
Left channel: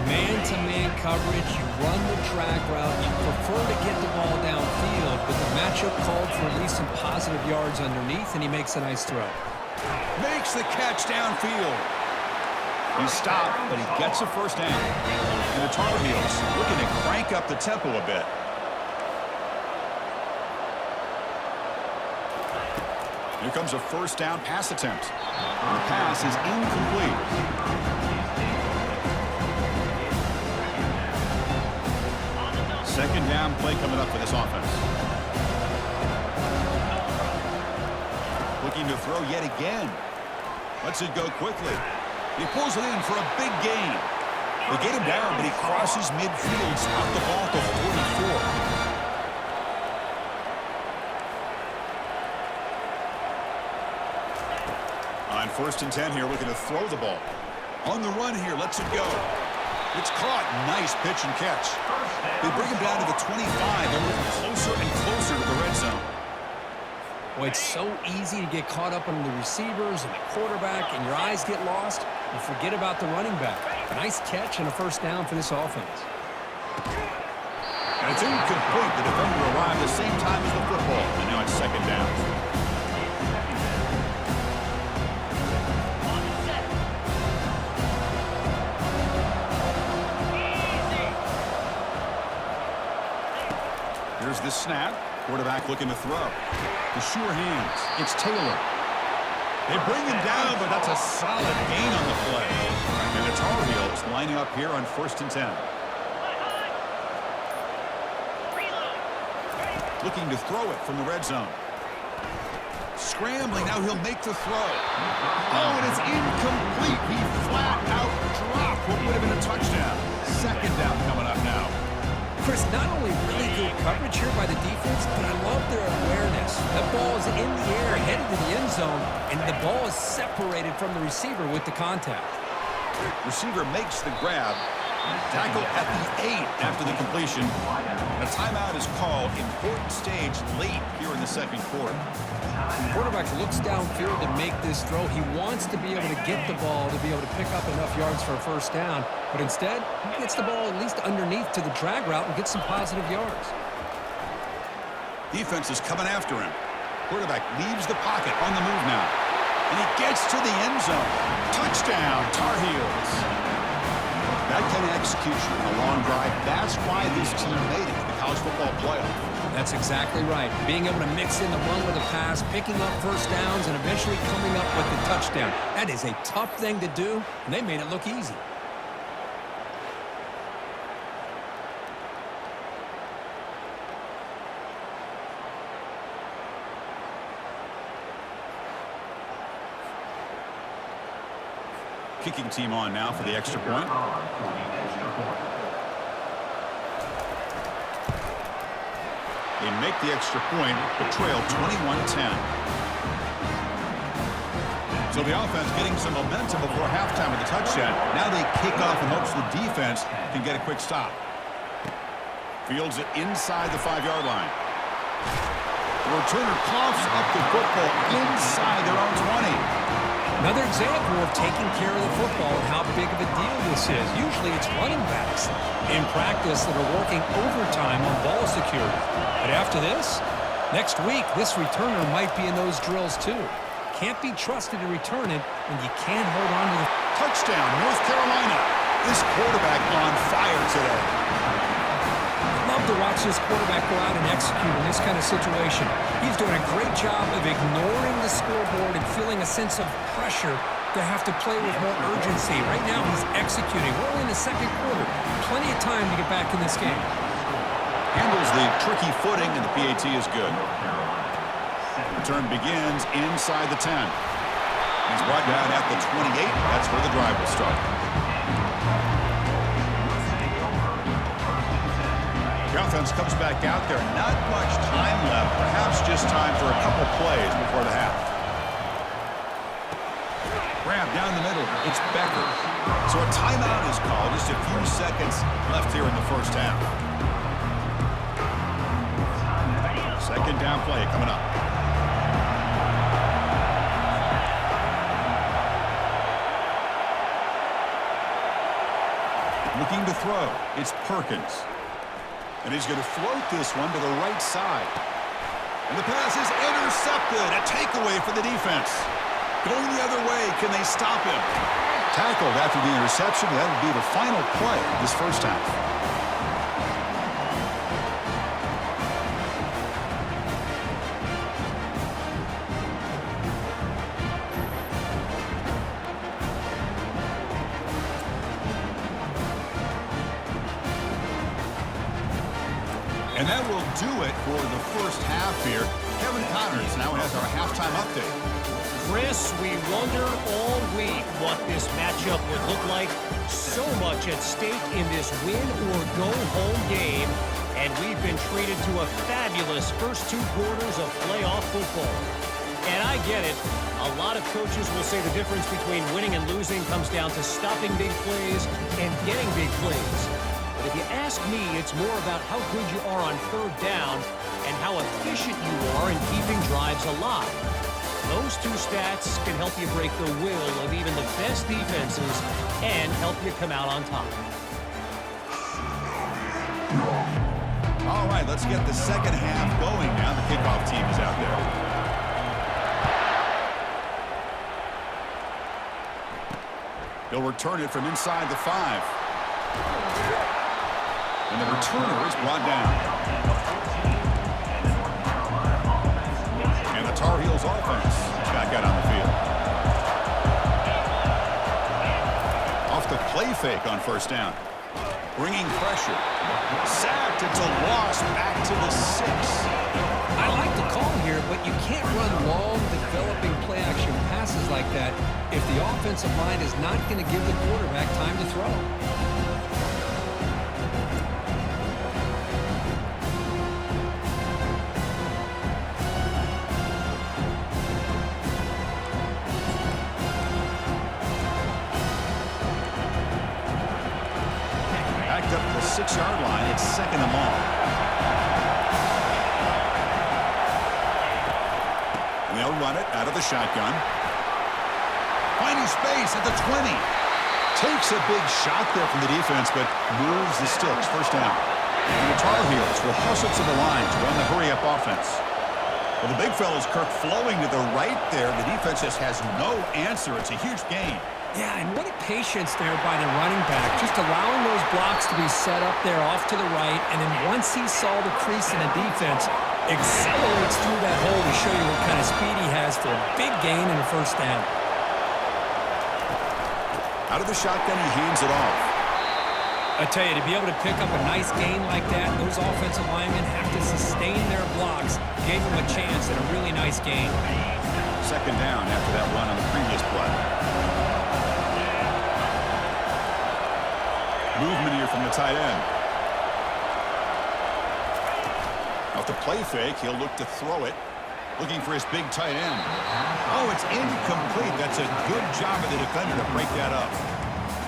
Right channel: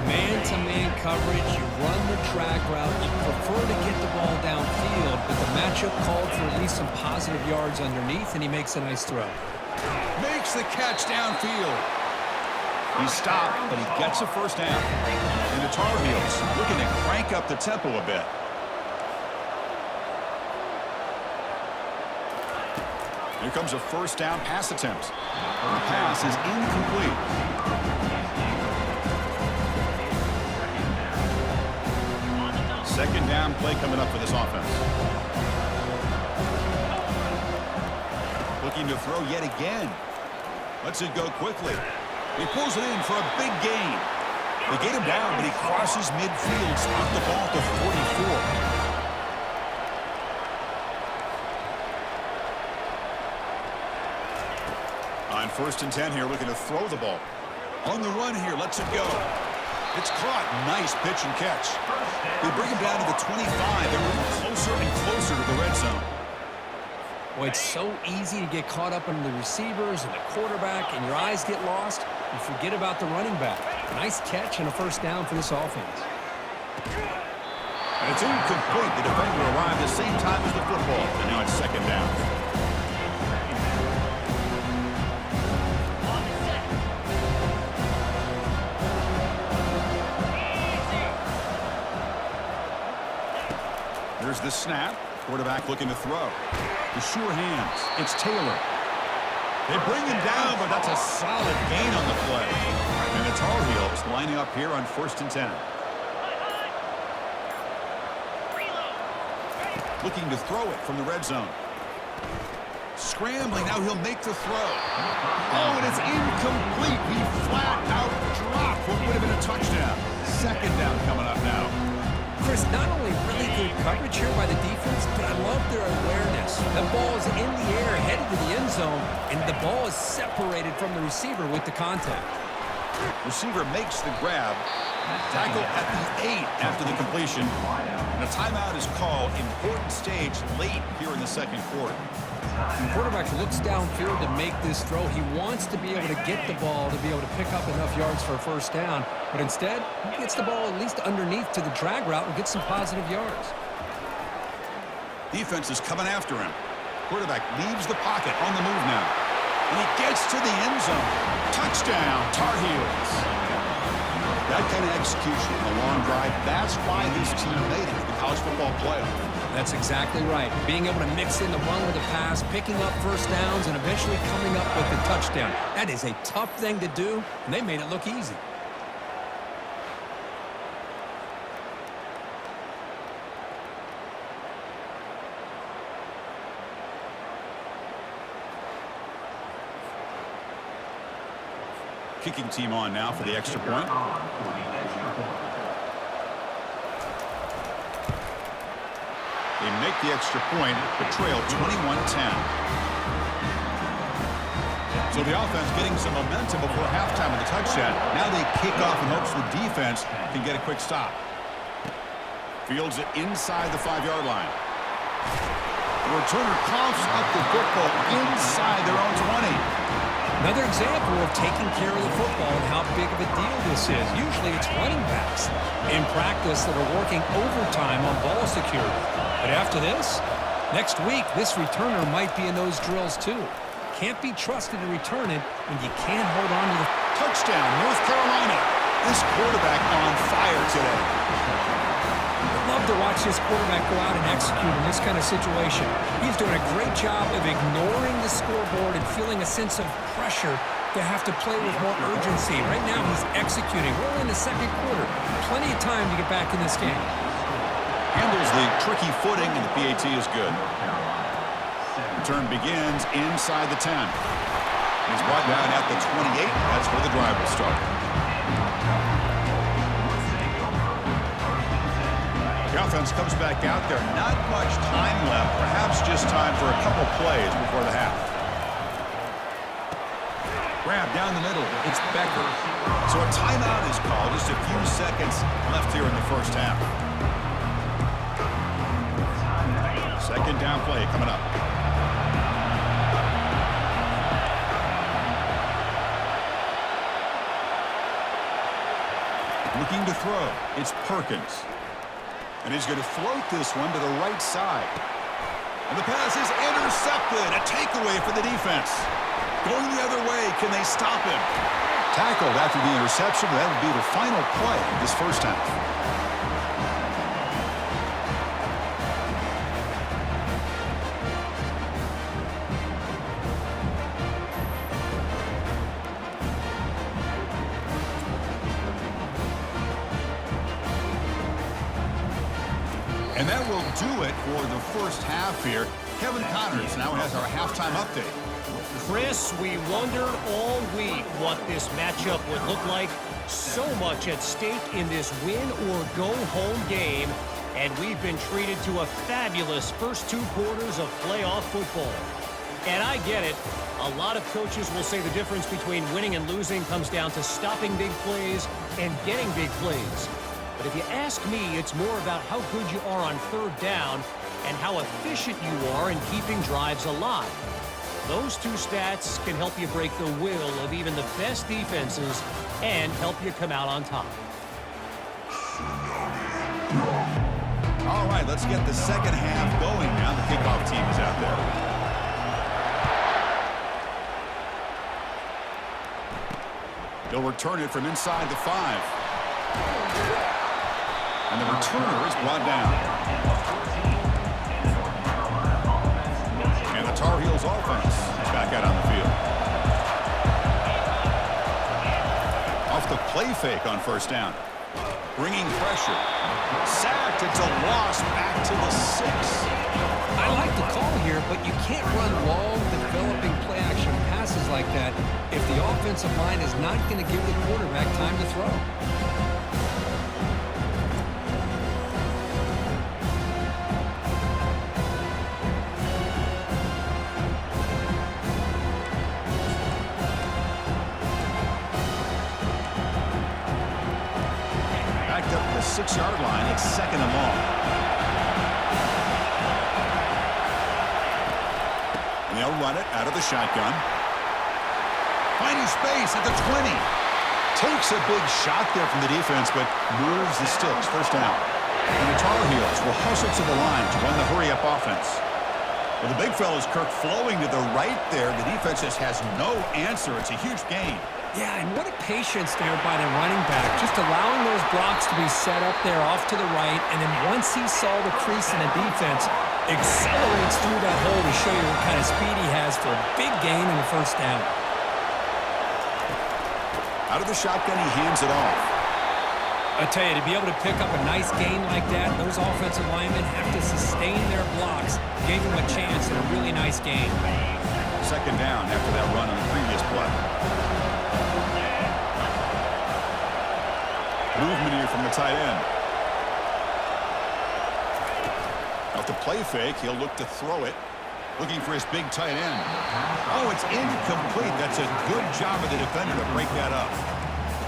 Man-to-man coverage, you run the drag route, you prefer to get the ball downfield, but the matchup called for at least some positive yards underneath, and he makes a nice throw. Makes the catch downfield. He stopped, but he gets a first down. And the Tar Heels looking to crank up the tempo a bit. Here comes a first down pass attempt. The pass is incomplete. Second down play coming up for this offense. Looking to throw yet again. Lets it go quickly. He pulls it in for a big gain. They get him down, but he crosses midfield, spot the ball to 44. On 1st and 10 here, looking to throw the ball. On the run here, lets it go. It's caught. Nice pitch and catch. They bring him down to the 25. They're moving closer and closer to the red zone. Well, it's so easy to get caught up on the receivers and the quarterback, and your eyes get lost. You forget about the running back. A nice catch and a first down for this offense. And it's incomplete. The defender arrived the same time as the football, and now it's second down. Here's the snap. Quarterback looking to throw. The sure hands. It's Taylor. They bring him down, but that's a solid gain on the play. And the Tar Heels lining up here on 1st and 10. Looking to throw it from the red zone. Scrambling. Now he'll make the throw. Oh, and it's incomplete. He flat out dropped what would have been a touchdown. Second down coming up now. Chris, not only really good coverage here by the defense, but I love their awareness. That ball is in the air, headed to the end zone, and the ball is separated from the receiver with the contact. Receiver makes the grab. Tackle at the 8 after the completion. And a timeout is called. Important stage late here in the second quarter. The quarterback looks downfield to make this throw. He wants to be able to get the ball to be able to pick up enough yards for a first down. But instead, he gets the ball at least underneath to the drag route and gets some positive yards. Defense is coming after him. Quarterback leaves the pocket on the move now. And he gets to the end zone. Touchdown, Tar Heels. That kind of execution on a long drive, that's why this team made it to the college football playoff. That's exactly right. Being able to mix in the run with a pass, picking up first downs, and eventually coming up with the touchdown. That is a tough thing to do, and they made it look easy. Kicking team on now for the extra point. They make the extra point, but trail 21-10. So the offense getting some momentum before halftime with the touchdown. Now they kick off in hopes the defense can get a quick stop. Fields it inside the 5-yard line. The returner coughs up the football inside their own 20. Another example of taking care of the football and how big of a deal this is. Usually it's running backs in practice that are working overtime on ball security. But after this, next week, this returner might be in those drills too. Can't be trusted to return it, and you can't hold on to the touchdown, North Carolina. This quarterback on fire today. I'd love to watch this quarterback go out and execute in this kind of situation. He's doing a great job of ignoring the scoreboard and feeling a sense of pressure to have to play with more urgency. Right now, he's executing. We're only in the second quarter. Plenty of time to get back in this game. Handles the tricky footing, and the PAT is good. Return begins inside the 10. He's brought down at the 28. That's where the drive will start. The offense comes back out there. Not much time left. Perhaps just time for a couple plays before the half. Grab down the middle. It's Becker. So a timeout is called. Just a few seconds left here in the first half. Second down play coming up. Looking to throw. It's Perkins. And he's going to float this one to the right side. And the pass is intercepted. A takeaway for the defense. Going the other way. Can they stop him? Tackled after the interception. That will be the final play of this first half. And that will do it for the first half here. Kevin Connors now has our halftime update. Chris, we wondered all week what this matchup would look like. So much at stake in this win-or-go-home game. And we've been treated to a fabulous first 2 quarters of playoff football. And I get it. A lot of coaches will say the difference between winning and losing comes down to stopping big plays and getting big plays. But if you ask me, it's more about how good you are on third down and how efficient you are in keeping drives alive. Those 2 stats can help you break the will of even the best defenses and help you come out on top. All right, let's get the second half going now. The kickoff team is out there. He'll return it from inside the 5. And the returner is brought down. And the Tar Heels offense back out on the field. Off the play fake on first down. Bringing pressure. Sacked. It's a loss back to the 6. I like the call here, but you can't run long, developing play-action passes like that if the offensive line is not going to give the quarterback time to throw. Backed up the 6-yard line. It's 2nd and long. And they'll run it out of the shotgun. Finding space at the 20. Takes a big shot there from the defense, but moves the sticks. First down. And the Tar Heels will hustle to the line to run the hurry-up offense. Well, the big fella's Kirk flowing to the right there. The defense just has no answer. It's a huge gain. Yeah, and what a patience there by the running back, just allowing those blocks to be set up there off to the right, and then once he saw the crease in the defense, accelerates through that hole to show you what kind of speed he has for a big gain and a first down. Out of the shotgun, he hands it off. I tell you, to be able to pick up a nice gain like that, those offensive linemen have to sustain their blocks. Gave him a chance and a really nice gain. 2nd down after that run on the previous play. Movement here from the tight end. Off the play fake, he'll look to throw it. Looking for his big tight end. Oh, it's incomplete. That's a good job of the defender to break that up.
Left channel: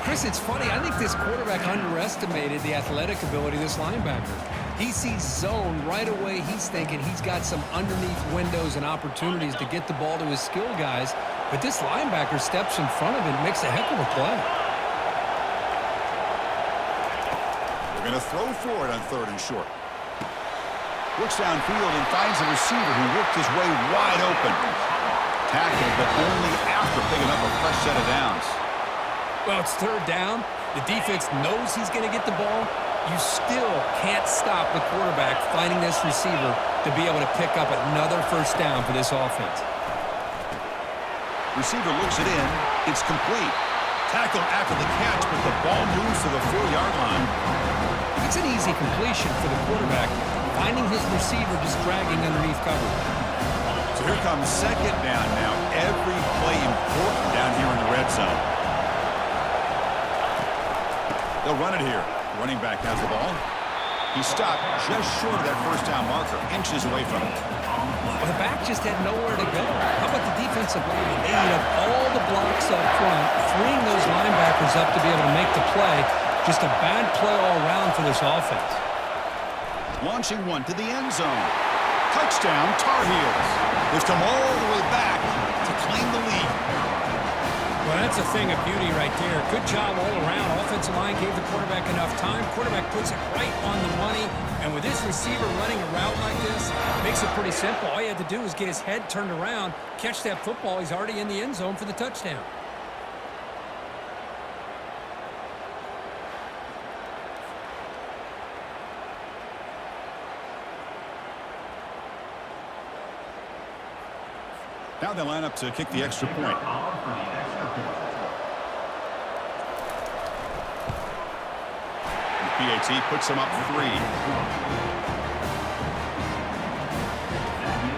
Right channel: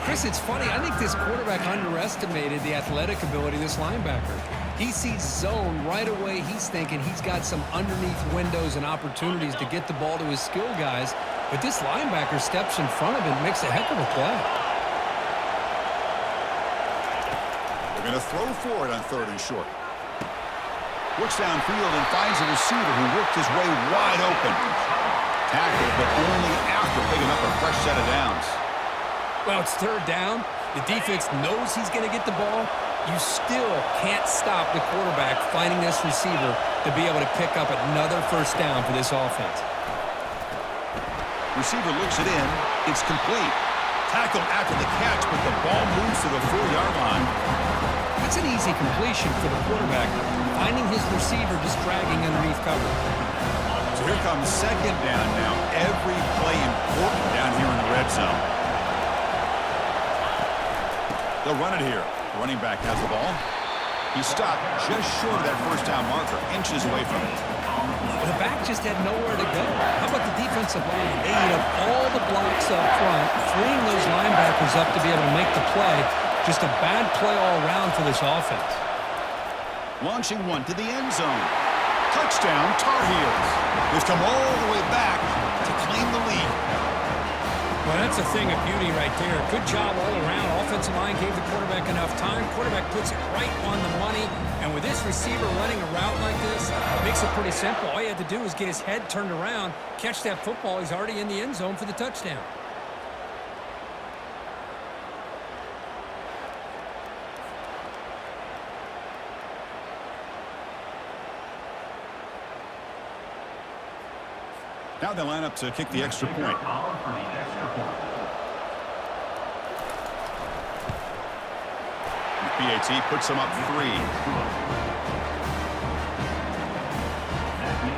Chris, it's funny. I think this quarterback underestimated the athletic ability of this linebacker. He sees zone right away. He's thinking he's got some underneath windows and opportunities to get the ball to his skill guys. But this linebacker steps in front of him and makes a heck of a play. Going to throw for it on 3rd and short. Looks downfield and finds a receiver who worked his way wide open. Tackled, but only after picking up a fresh set of downs. Well, it's 3rd down. The defense knows he's going to get the ball. You still can't stop the quarterback finding this receiver to be able to pick up another first down for this offense. Receiver looks it in. It's complete. Tackled after the catch, but the ball moves to the 4-yard line. It's an easy completion for the quarterback, finding his receiver just dragging underneath cover. So here comes 2nd down now. Every play important down here in the red zone. They'll run it here. The running back has the ball. He stopped just short of that first down marker, inches away from it. Well, the back just had nowhere to go. How about the defensive line? They eat up all the blocks up front, freeing those linebackers up to be able to make the play. Just a bad play all around for this offense. Launching one to the end zone. Touchdown, Tar Heels. They've come all the way back to claim the lead. Well, that's a thing of beauty right there. Good job all around. Offensive line gave the quarterback enough time. Quarterback puts it right on the money. And with this receiver running a route like this, makes it pretty simple. All you had to do was get his head turned around, catch that football. He's already in the end zone for the touchdown. Now they line up to kick the extra point. PAT puts them up 3.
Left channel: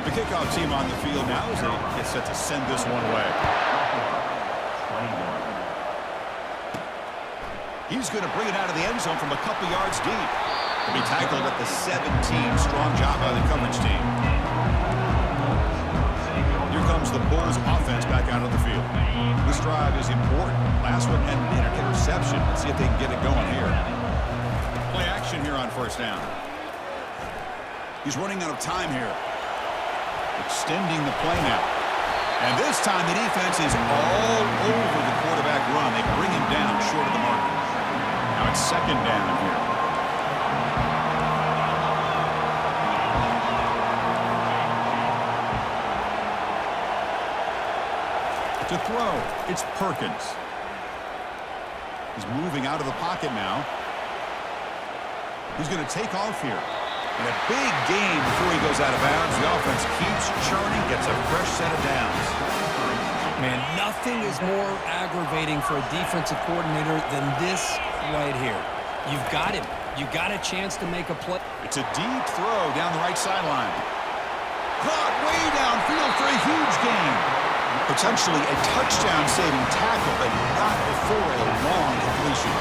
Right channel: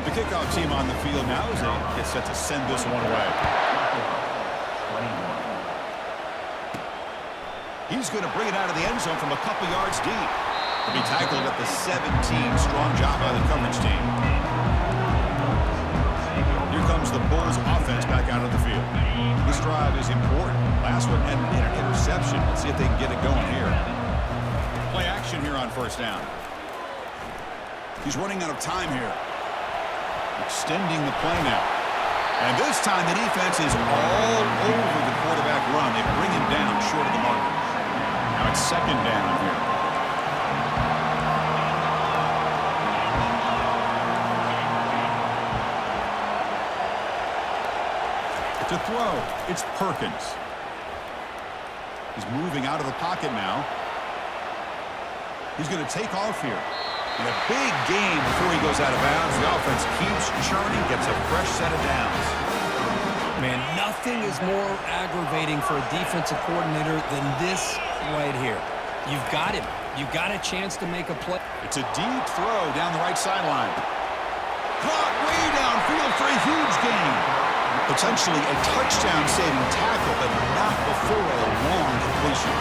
The kickoff team on the field now as they get set to send this one away. He's going to bring it out of the end zone from a couple yards deep. To be tackled at the 17. Strong job by the coverage team. Here comes the Bulls offense back out of the field. This drive is important. Last one ended in an interception. Let's see if they can get it going here. Play action here on first down. He's running out of time here. Extending the play now. And this time the defense is all over the quarterback run. They bring him down short of the marker. Now it's second down here. To throw, it's Perkins. He's moving out of the pocket now. He's going to take off here. And a big gain before he goes out of bounds. The offense keeps churning, gets a fresh set of downs. Man, nothing is more aggravating for a defensive coordinator than this right here. You've got him. You've got a chance to make a play. It's a deep throw down the right sideline. Caught way downfield for a huge gain. Potentially a touchdown-saving tackle, but not before a long completion.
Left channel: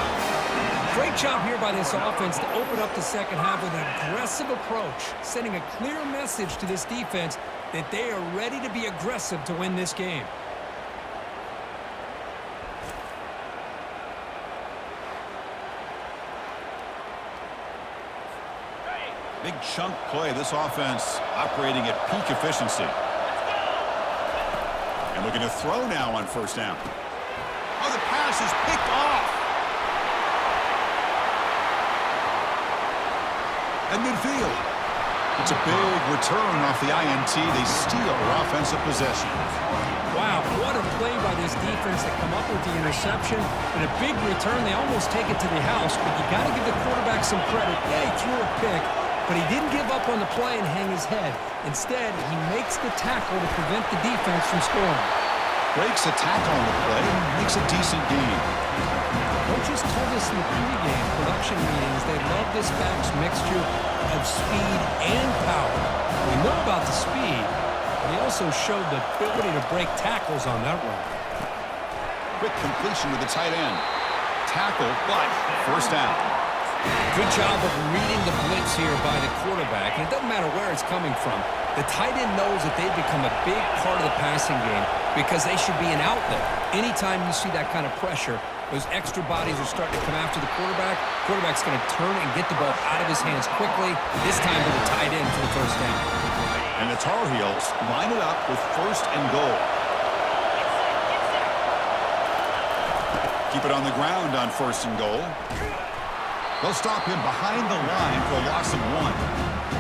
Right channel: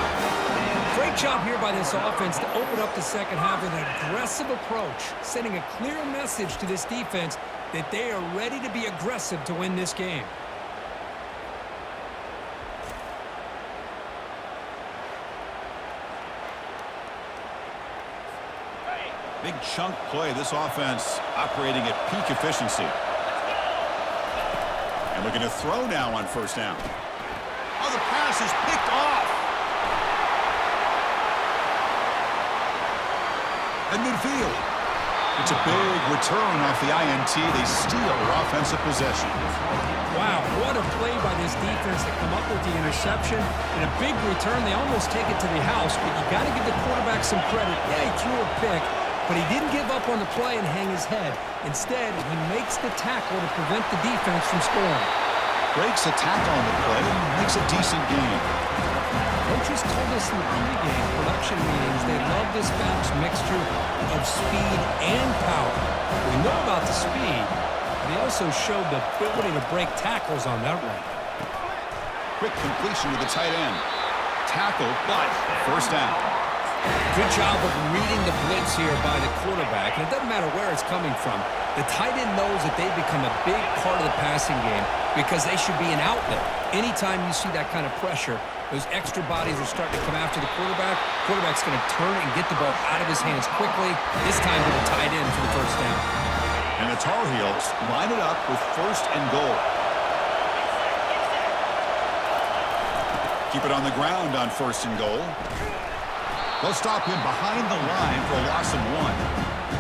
Great job here by this offense to open up the second half with an aggressive approach, sending a clear message to this defense that they are ready to be aggressive to win this game. Big chunk play. This offense operating at peak efficiency. And looking to throw now on first down. Oh, the pass is picked off. At midfield. It's a big return off the INT. They steal their offensive possession. Wow, what a play by this defense to come up with the interception. And a big return. They almost take it to the house, but you got to give the quarterback some credit. Yeah, he threw a pick, but he didn't give up on the play and hang his head. Instead, he makes the tackle to prevent the defense from scoring. Breaks a tackle on the play and makes a decent gain. Coaches told us in the pregame production meetings they love this back's mixture of speed and power. We know about the speed, but he also showed the ability to break tackles on that run. Quick completion to the tight end. Tackle, but first down. Good job of reading the blitz here by the quarterback, and it doesn't matter where it's coming from. The tight end knows that they've become a big part of the passing game because they should be an outlet. Anytime you see that kind of pressure, those extra bodies are starting to come after the quarterback. Quarterback's going to turn and get the ball out of his hands quickly, this time to the tight end for the first down. And the Tar Heels line it up with first and goal. Keep it on the ground on first and goal. They'll stop him behind the line for a loss of 1.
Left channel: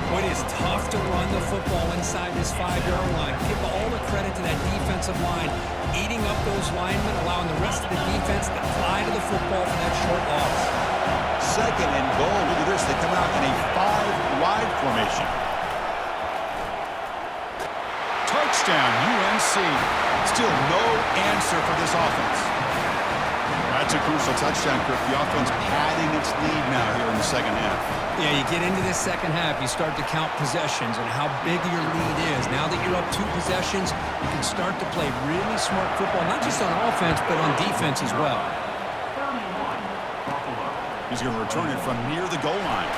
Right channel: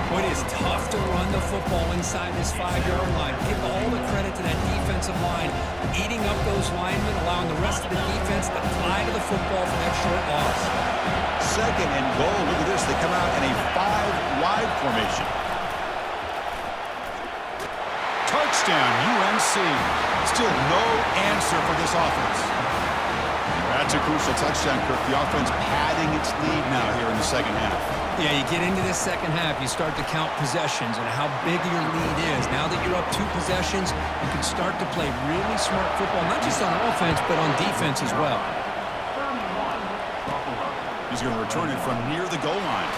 It is tough to run the football inside this 5-yard line. Give all the credit to that defensive line, eating up those linemen, allowing the rest of the defense to fly to the football for that short loss. Second and goal. Look at this. They come out in a 5-wide formation. Touchdown, UNC. Still no answer for this offense. That's a crucial touchdown, Kirk. The offense padding its lead now here in the second half. Yeah, you get into this second half, you start to count possessions and how big your lead is. Now that you're up 2 possessions, you can start to play really smart football, not just on offense, but on defense as well. He's going to return it from near the goal line.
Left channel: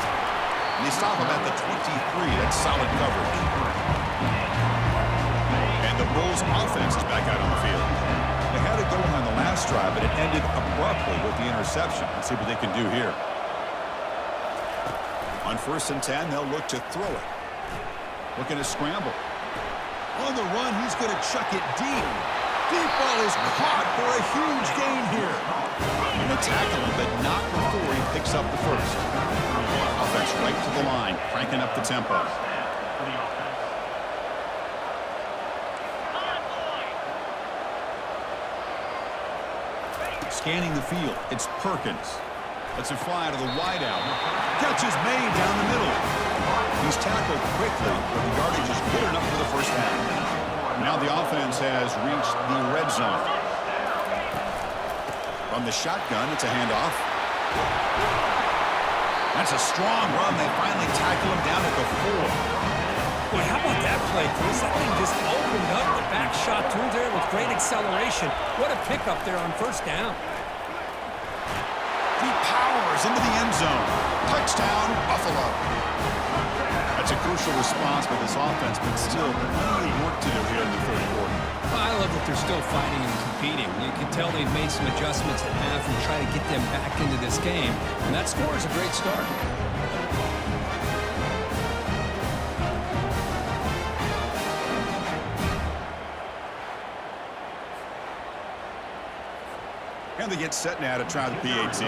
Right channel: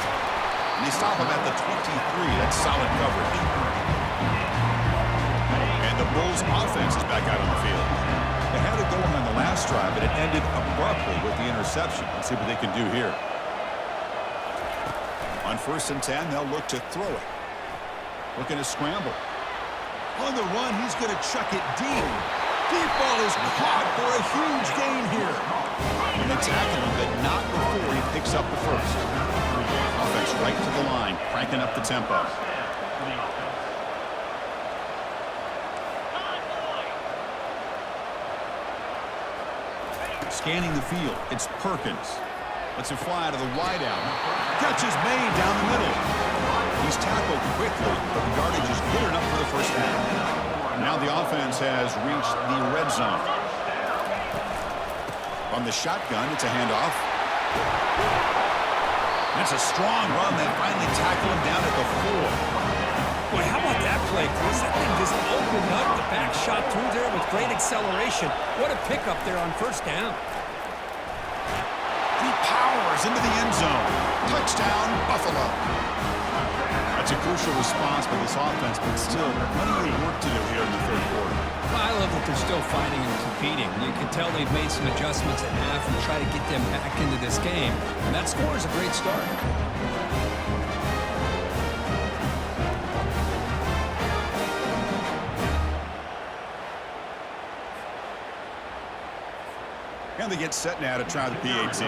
And they stop him at the 23. That's solid coverage. And the Bulls' offense is back out on the field. They had it going on the last drive, but it ended abruptly with the interception. Let's see what they can do here. On first and 10, they'll look to throw it. Looking to scramble. On the run, he's going to chuck it deep. Deep ball is caught for a huge gain here. And they tackle him, but not before he picks up the first. Offense right to the line, cranking up the tempo. Scanning the field, it's Perkins. Lets it fly to the wideout. Catch is made down the middle. He's tackled quickly, but the yardage is good enough for the first half. Now the offense has reached the red zone. From the shotgun, it's a handoff. That's a strong run. They finally tackle him down at the 4. Boy, how about that play, Chris? That thing just opened up. The back shot through there with great acceleration. What a pickup there on first down. He powers into the end zone. Touchdown, Buffalo. That's a crucial response by this offense, but still plenty of work to do here in the third quarter. Well, I love that they're still fighting and competing. You can tell they've made some adjustments at half and try to get them back into this game. And that score is a great start. And they get set now to try the PAT.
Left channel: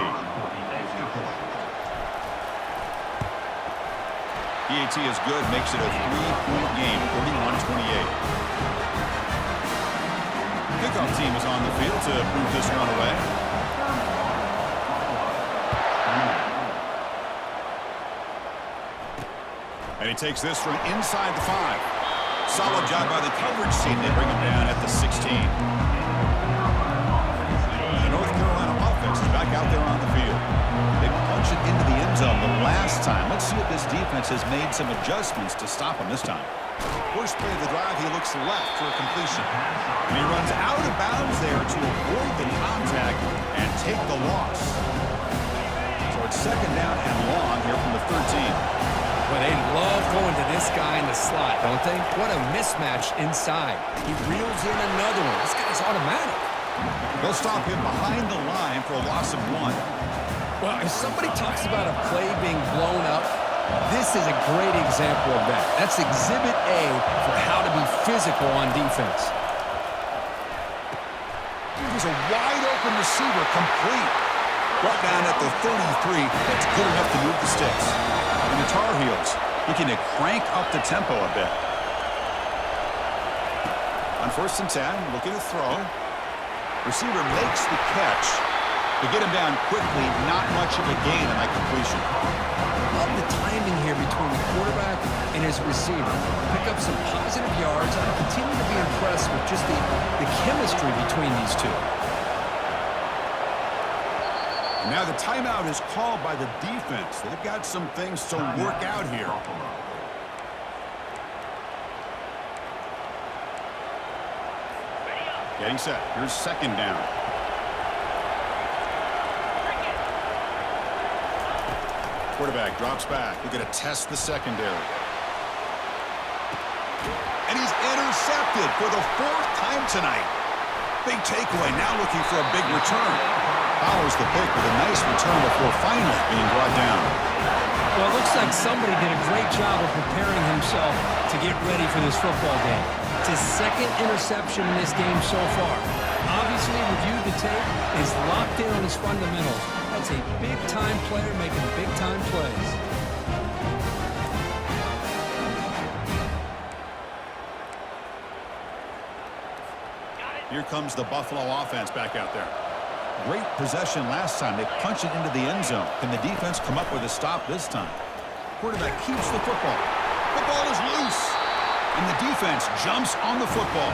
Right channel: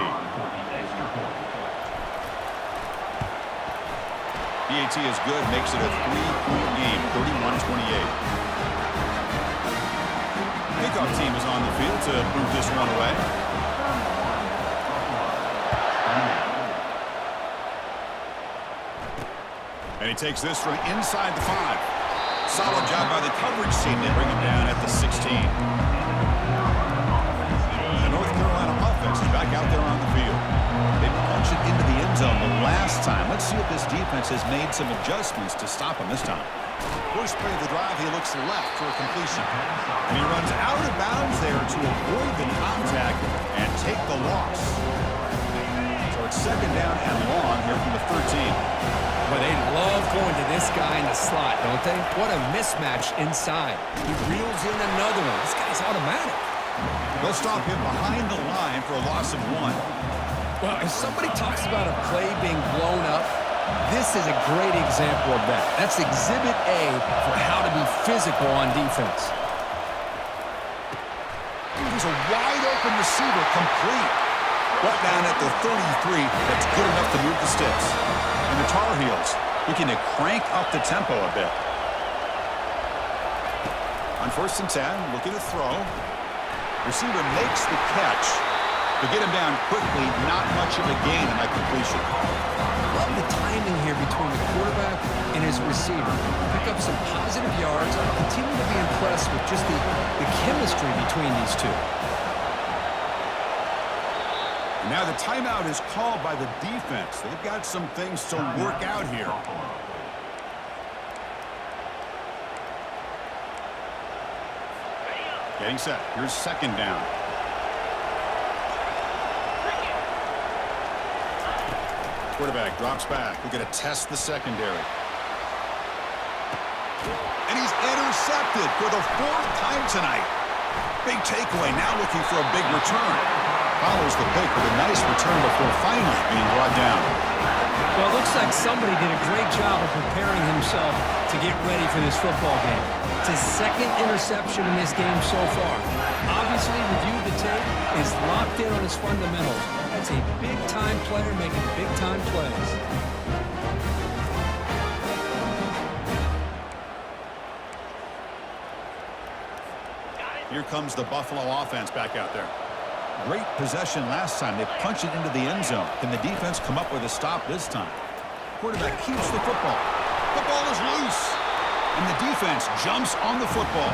PAT is good, makes it a 3-point game, 31-28. Kickoff team is on the field to move this one away. And he takes this from inside the 5. Solid job by the coverage team. They bring him down at the 16. North Carolina offense is back out there on the field. They punch it into the end zone the last time. Let's see if this defense has made some adjustments to stop him this time. First play of the drive, he looks left for a completion. And he runs out of bounds there to avoid the contact and take the loss. So it's second down and long here from the 13. Well, they love going to this guy in the slot, don't they? What a mismatch inside. He reels in another one. This guy's automatic. They'll stop him behind the line for a loss of 1. Well, if somebody talks about a play being blown up, this is a great example of that. That's exhibit A for how to be physical on defense. There's a wide-open receiver complete. Right down at the 33, that's good enough to move the sticks. And the Tar Heels looking to crank up the tempo a bit. On 1st and 10, looking to throw. Receiver makes the catch. To get him down quickly, not much of a gain on that completion. Love the timing here between the quarterback and his receiver. Pick up some positive yards. I continue to be impressed with just the chemistry between these two. And now the timeout is called by the defense. They've got some things to work out here. Getting set. Here's second down. Quarterback drops back. We're going to test the secondary. And he's intercepted for the 4th time tonight. Big takeaway. Now looking for a big return. Follows the pick with a nice return before finally being brought down. Well, it looks like somebody did a great job of preparing himself to get ready for this football game. It's his 2nd interception in this game so far. Obviously, reviewed the tape, is locked in on his fundamentals. That's a big-time player making big-time plays. Here comes the Buffalo offense back out there. Great possession last time. They punch it into the end zone. Can the defense come up with a stop this time? Quarterback keeps the football. The ball is loose. And the defense jumps on the football.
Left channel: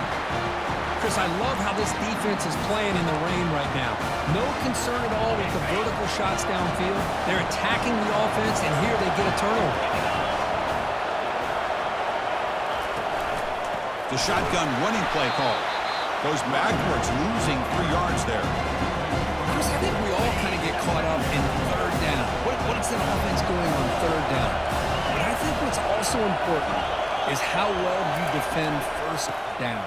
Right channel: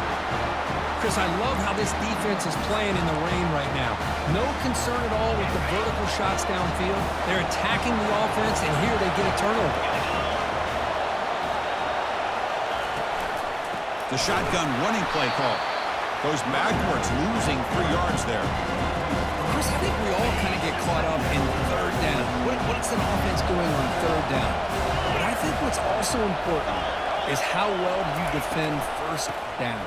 Chris, I love how this defense is playing in the rain right now. No concern at all with the vertical shots downfield. They're attacking the offense, and here they get a turnover. The shotgun running play call. Goes backwards, losing 3 yards there. Chris, I think we all kind of get caught up in 3rd down. What's an offense doing on 3rd down? But I think what's also important is how well you defend 1st down.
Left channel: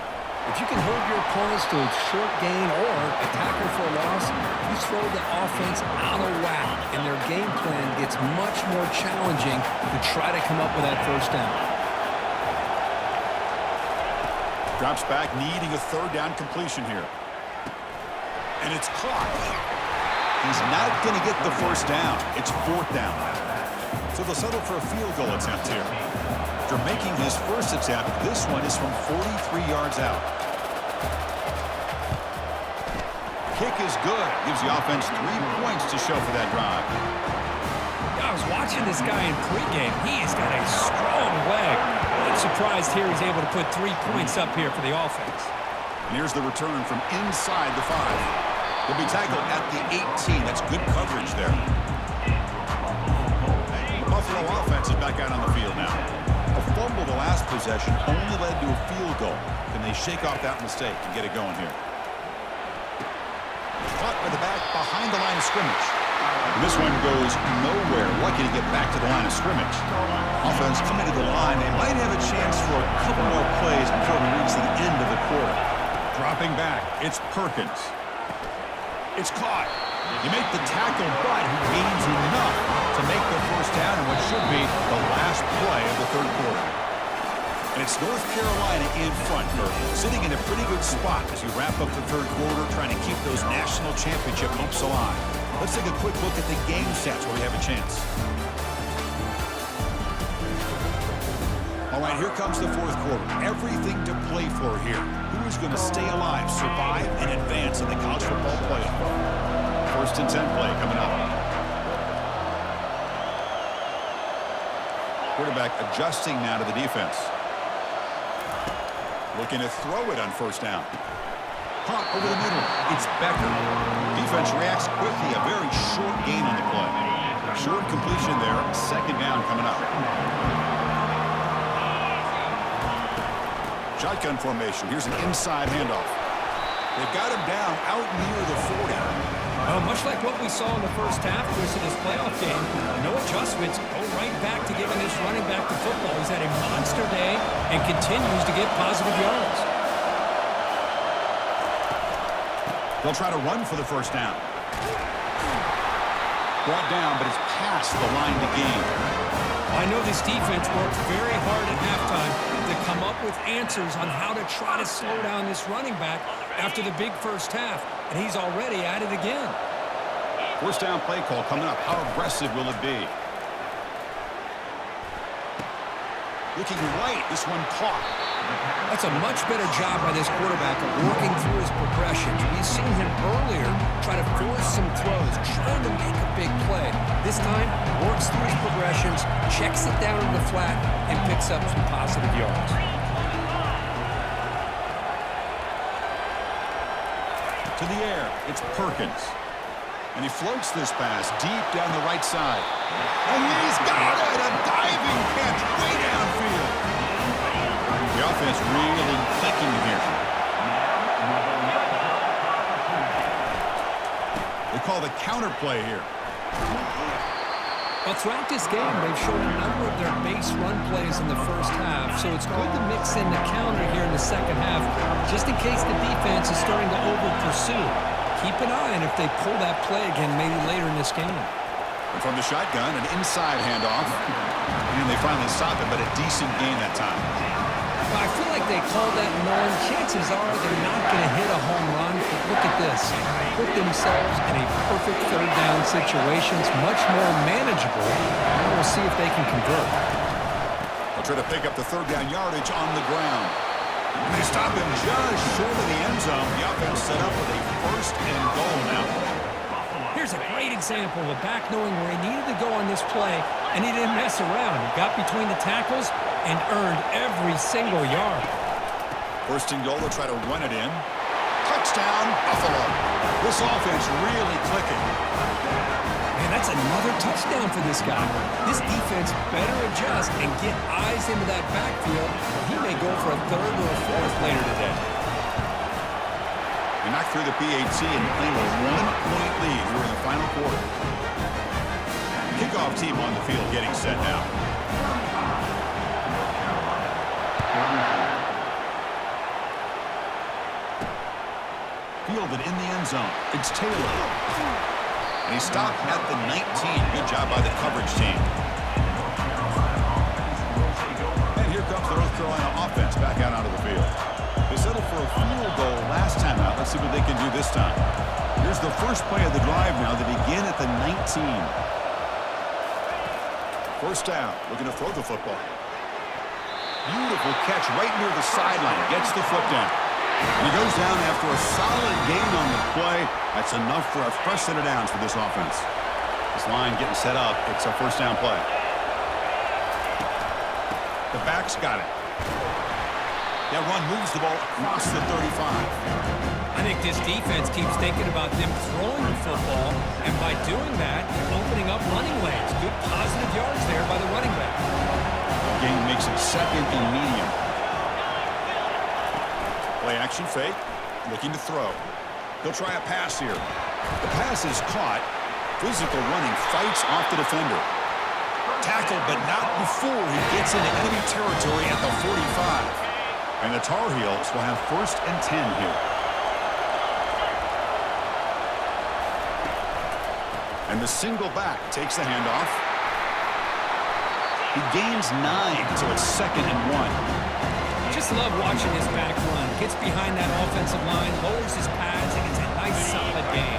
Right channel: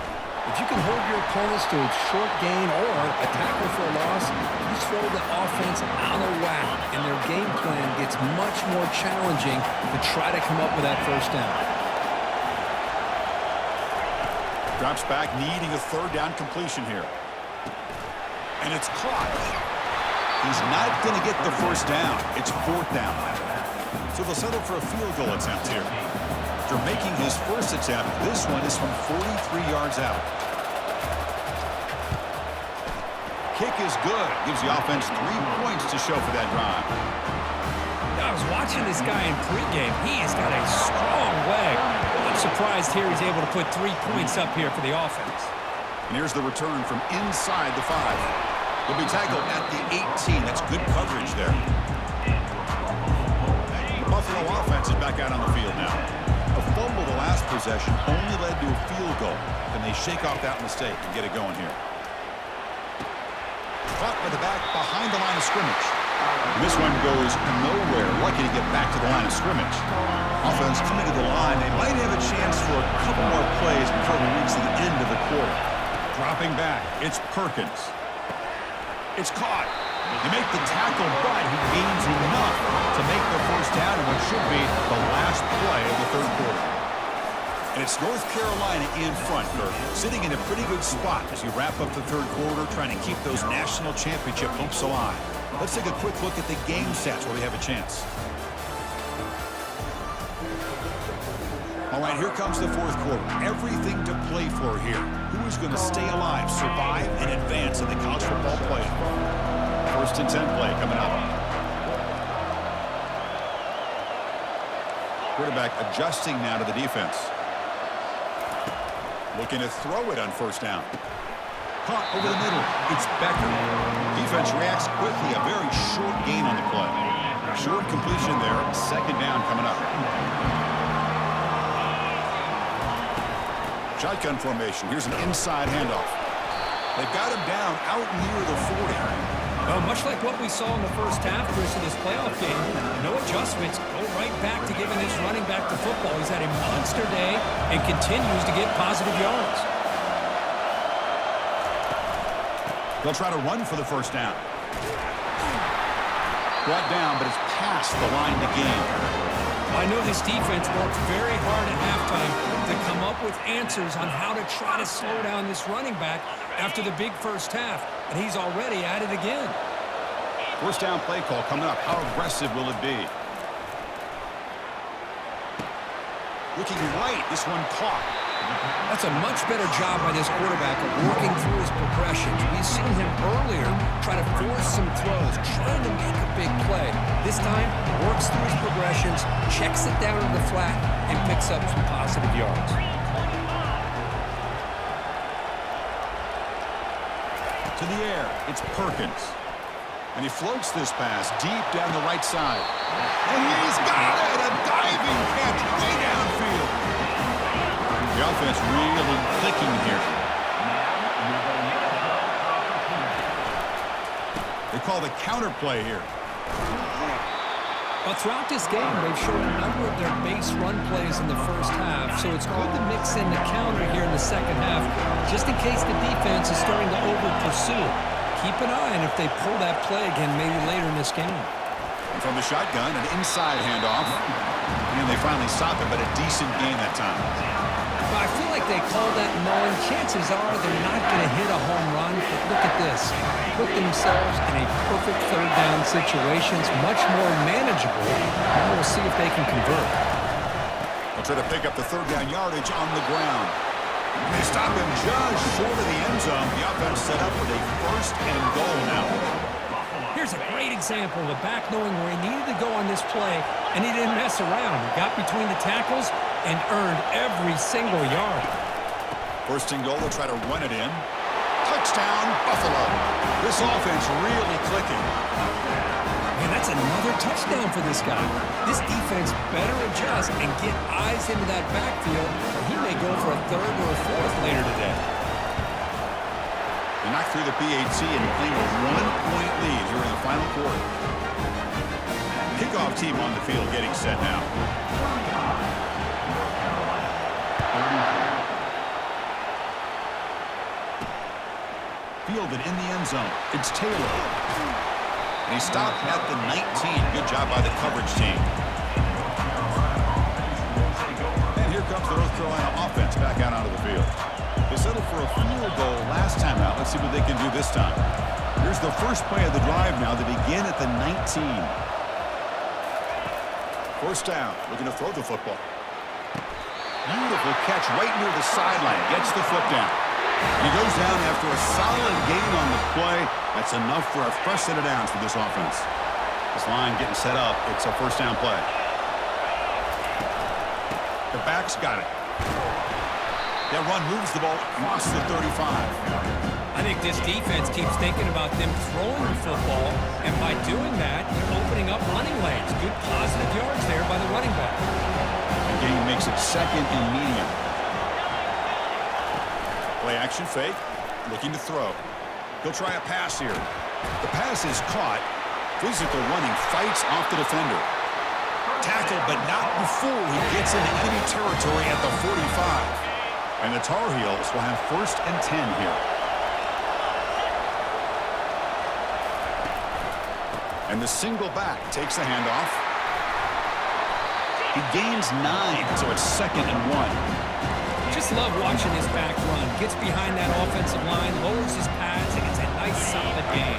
If you can hold your opponents to a short gain or a tackle for a loss, you throw the offense out of whack, and their game plan gets much more challenging to try to come up with that 1st down. Drops back, needing a third down completion here. And it's caught. He's not going to get the first down. It's fourth down. So they'll settle for a field goal attempt here. After making his first attempt, this one is from 43 yards out. Kick is good. Gives the offense 3 points to show for that drive. I was watching this guy in pregame. He has got a strong leg. I'm surprised here he's able to put 3 points up here for the offense. And here's the return from inside the 5. He'll be tackled at the 18. That's good coverage there. Buffalo offense is back out on the field now. A fumble the last possession only led to a field goal. Can they shake off that mistake and get it going here? Caught by the back behind the line of scrimmage. And this one goes nowhere. Lucky to get back to the line of scrimmage. Offense coming to the line. They might have a chance for a couple more plays before we reach the end of the quarter. Dropping back, it's Perkins. It's caught. They make the tackle, but he gains enough to make the first down in what should be the last play of the third quarter. And it's North Carolina in front, Kirk, sitting in a pretty good spot as you wrap up the third quarter, trying to keep those national championship hopes alive. Let's take a quick look at the game stats where we have a chance. All right, here comes the fourth quarter. Everything to play for here. Who is going to stay alive, survive, and advance in the college football playoff? First and 10 play coming up. Quarterback adjusting now to the defense. Looking to throw it on first down. Caught over the middle. It's Becker. Defense reacts quickly. A very short gain on the play. Short completion there. Second down coming up. Shotgun formation. Here's an inside handoff. They've got him down out near the 40. Well, much like what we saw in the first half, Chris, of this playoff game, no adjustments, go right back to giving this running back to football. He's had a monster day and continues to get positive yards. They'll try to run for the first down. Brought down, but it's past the line to gain. I know this defense worked very hard at halftime to come up with answers on how to try to slow down this running back after the big first half, and he's already at it again. First down play call coming up. How aggressive will it be? Looking right. This one caught. That's a much better job by this quarterback of working through his progressions. We've seen him earlier try to force some throws, trying to make a big play. This time, works through his progressions, checks it down to the flat, and picks up some positive yards. To the air, it's Perkins. And he floats this pass deep down the right side. And he's got it! A diving catch way downfield. The offense really clicking here. They call the counter play here. But throughout this game, they've shown a number of their base run plays in the first half, so it's good to mix in the counter here in the second half, just in case the defense is starting to over-pursue. Keep an eye on if they pull that play again maybe later in this game. And from the shotgun, an inside handoff. And they finally stop it, but a decent gain that time. Well, I feel like they called that knowing chances are they're not going to hit a home run, but look at this. Put themselves in a perfect third down situation. It's much more manageable. Now we'll see if they can convert. They'll try to pick up the third down yardage on the ground. And they stop him just short of the end zone. The offense set up with a first and goal now. Here's a great example of a back knowing where he needed to go on this play, and he didn't mess around. He got between the tackles and earned every single yard. First and goal, they'll try to run it in. Touchdown, Buffalo. This offense really clicking. Man, that's another touchdown for this guy. This defense better adjust and get eyes into that backfield, or he may go for a third or a fourth later today. They knock through the PAT and claim a 1-point lead here in the final quarter. Kickoff team on the field getting set now. Fielded in the end zone. It's Taylor. And he stopped at the 19. Good job by the coverage team. And here comes the North Carolina offense back out onto the field. They settled for a field goal last time out. Let's see what they can do this time. Here's the first play of the drive now. They begin at the 19. First down, looking to throw the football. Beautiful catch right near the sideline. Gets the foot down. And he goes down after a solid gain on the play. That's enough for a fresh set of downs for this offense. This line getting set up. It's a first down play. The back's got it. That run moves the ball across the 35. I think this defense keeps thinking about them throwing the football, and by doing that, they're opening up running lanes. Good positive yards there by the running back. The game makes it second and medium. Play action fake, looking to throw. He'll try a pass here. The pass is caught. Physical running, fights off the defender. Tackled, but not before he gets into enemy territory at the 45. And the Tar Heels will have first and 10 here. And the single back takes the handoff. He gains 9, so it's second and 1. Just love watching his back run. Gets behind that offensive line, lowers his pads, and gets a nice solid gain.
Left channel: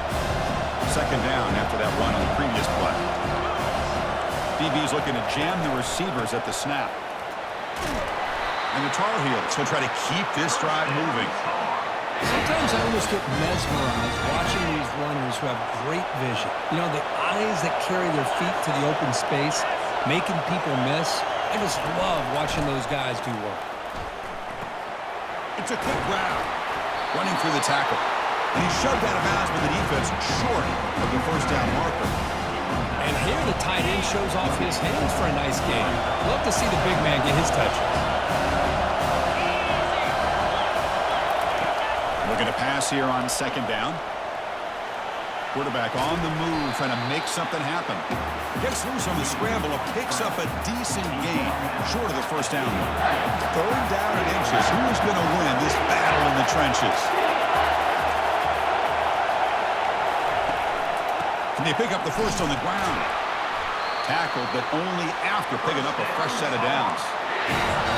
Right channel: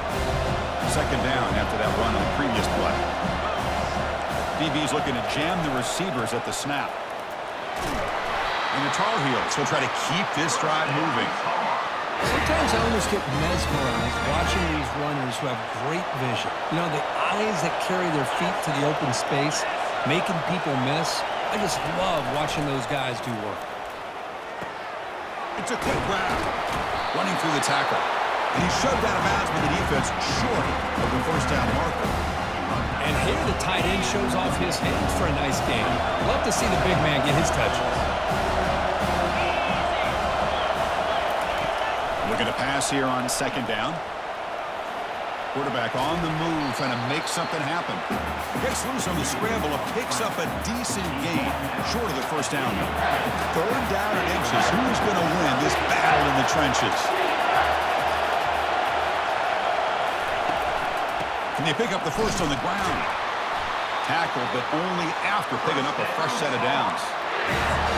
Second down after that run on the previous play. DB's looking to jam the receivers at the snap. And the Tar Heels will try to keep this drive moving. Sometimes I almost get mesmerized watching these runners who have great vision. You know, the eyes that carry their feet to the open space, making people miss. I just love watching those guys do work. It's a quick grab. Running through the tackle. And he's shoved out of bounds with the defense short of the first down marker. And here the tight end shows off his hands for a nice game. Love to see the big man get his touches. Looking to pass here on second down. Quarterback on the move, trying to make something happen. Gets loose on the scramble, picks up a decent gain, short of the first down. Third down and inches. Who is going to win this battle in the trenches? Can they pick up the first on the ground? Tackled, but only after picking up a fresh set of downs.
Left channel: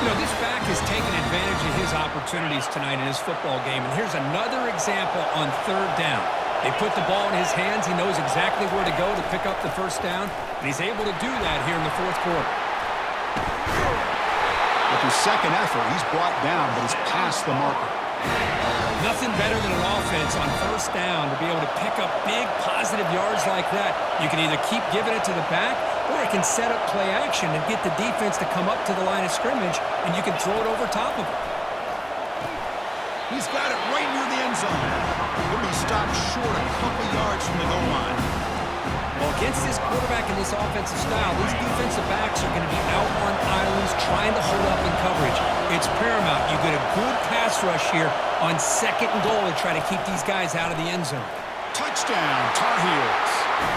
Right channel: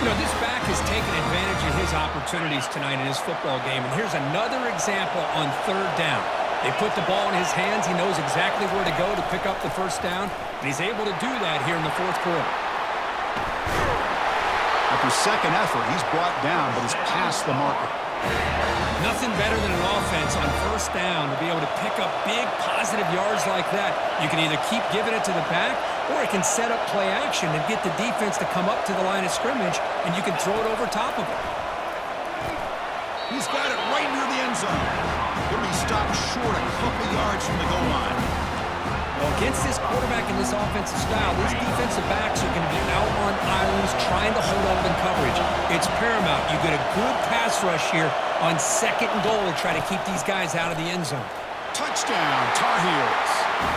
You know, this back has taken advantage of his opportunities tonight in his football game. And here's another example on third down. They put the ball in his hands. He knows exactly where to go to pick up the first down. And he's able to do that here in the fourth quarter. After second effort, he's brought down, but he's past the marker. Nothing better than an offense on first down to be able to pick up big positive yards like that. You can either keep giving it to the back, or it can set up play action and get the defense to come up to the line of scrimmage, and you can throw it over top of them. He's got it right near the end zone. He'll be stopped short a couple yards from the goal line. Well, against this quarterback and this offensive style, these defensive backs are going to be out on islands trying to hold up in coverage. It's paramount. You get a good pass rush here on second and goal to try to keep these guys out of the end zone. Touchdown, Tar Heels.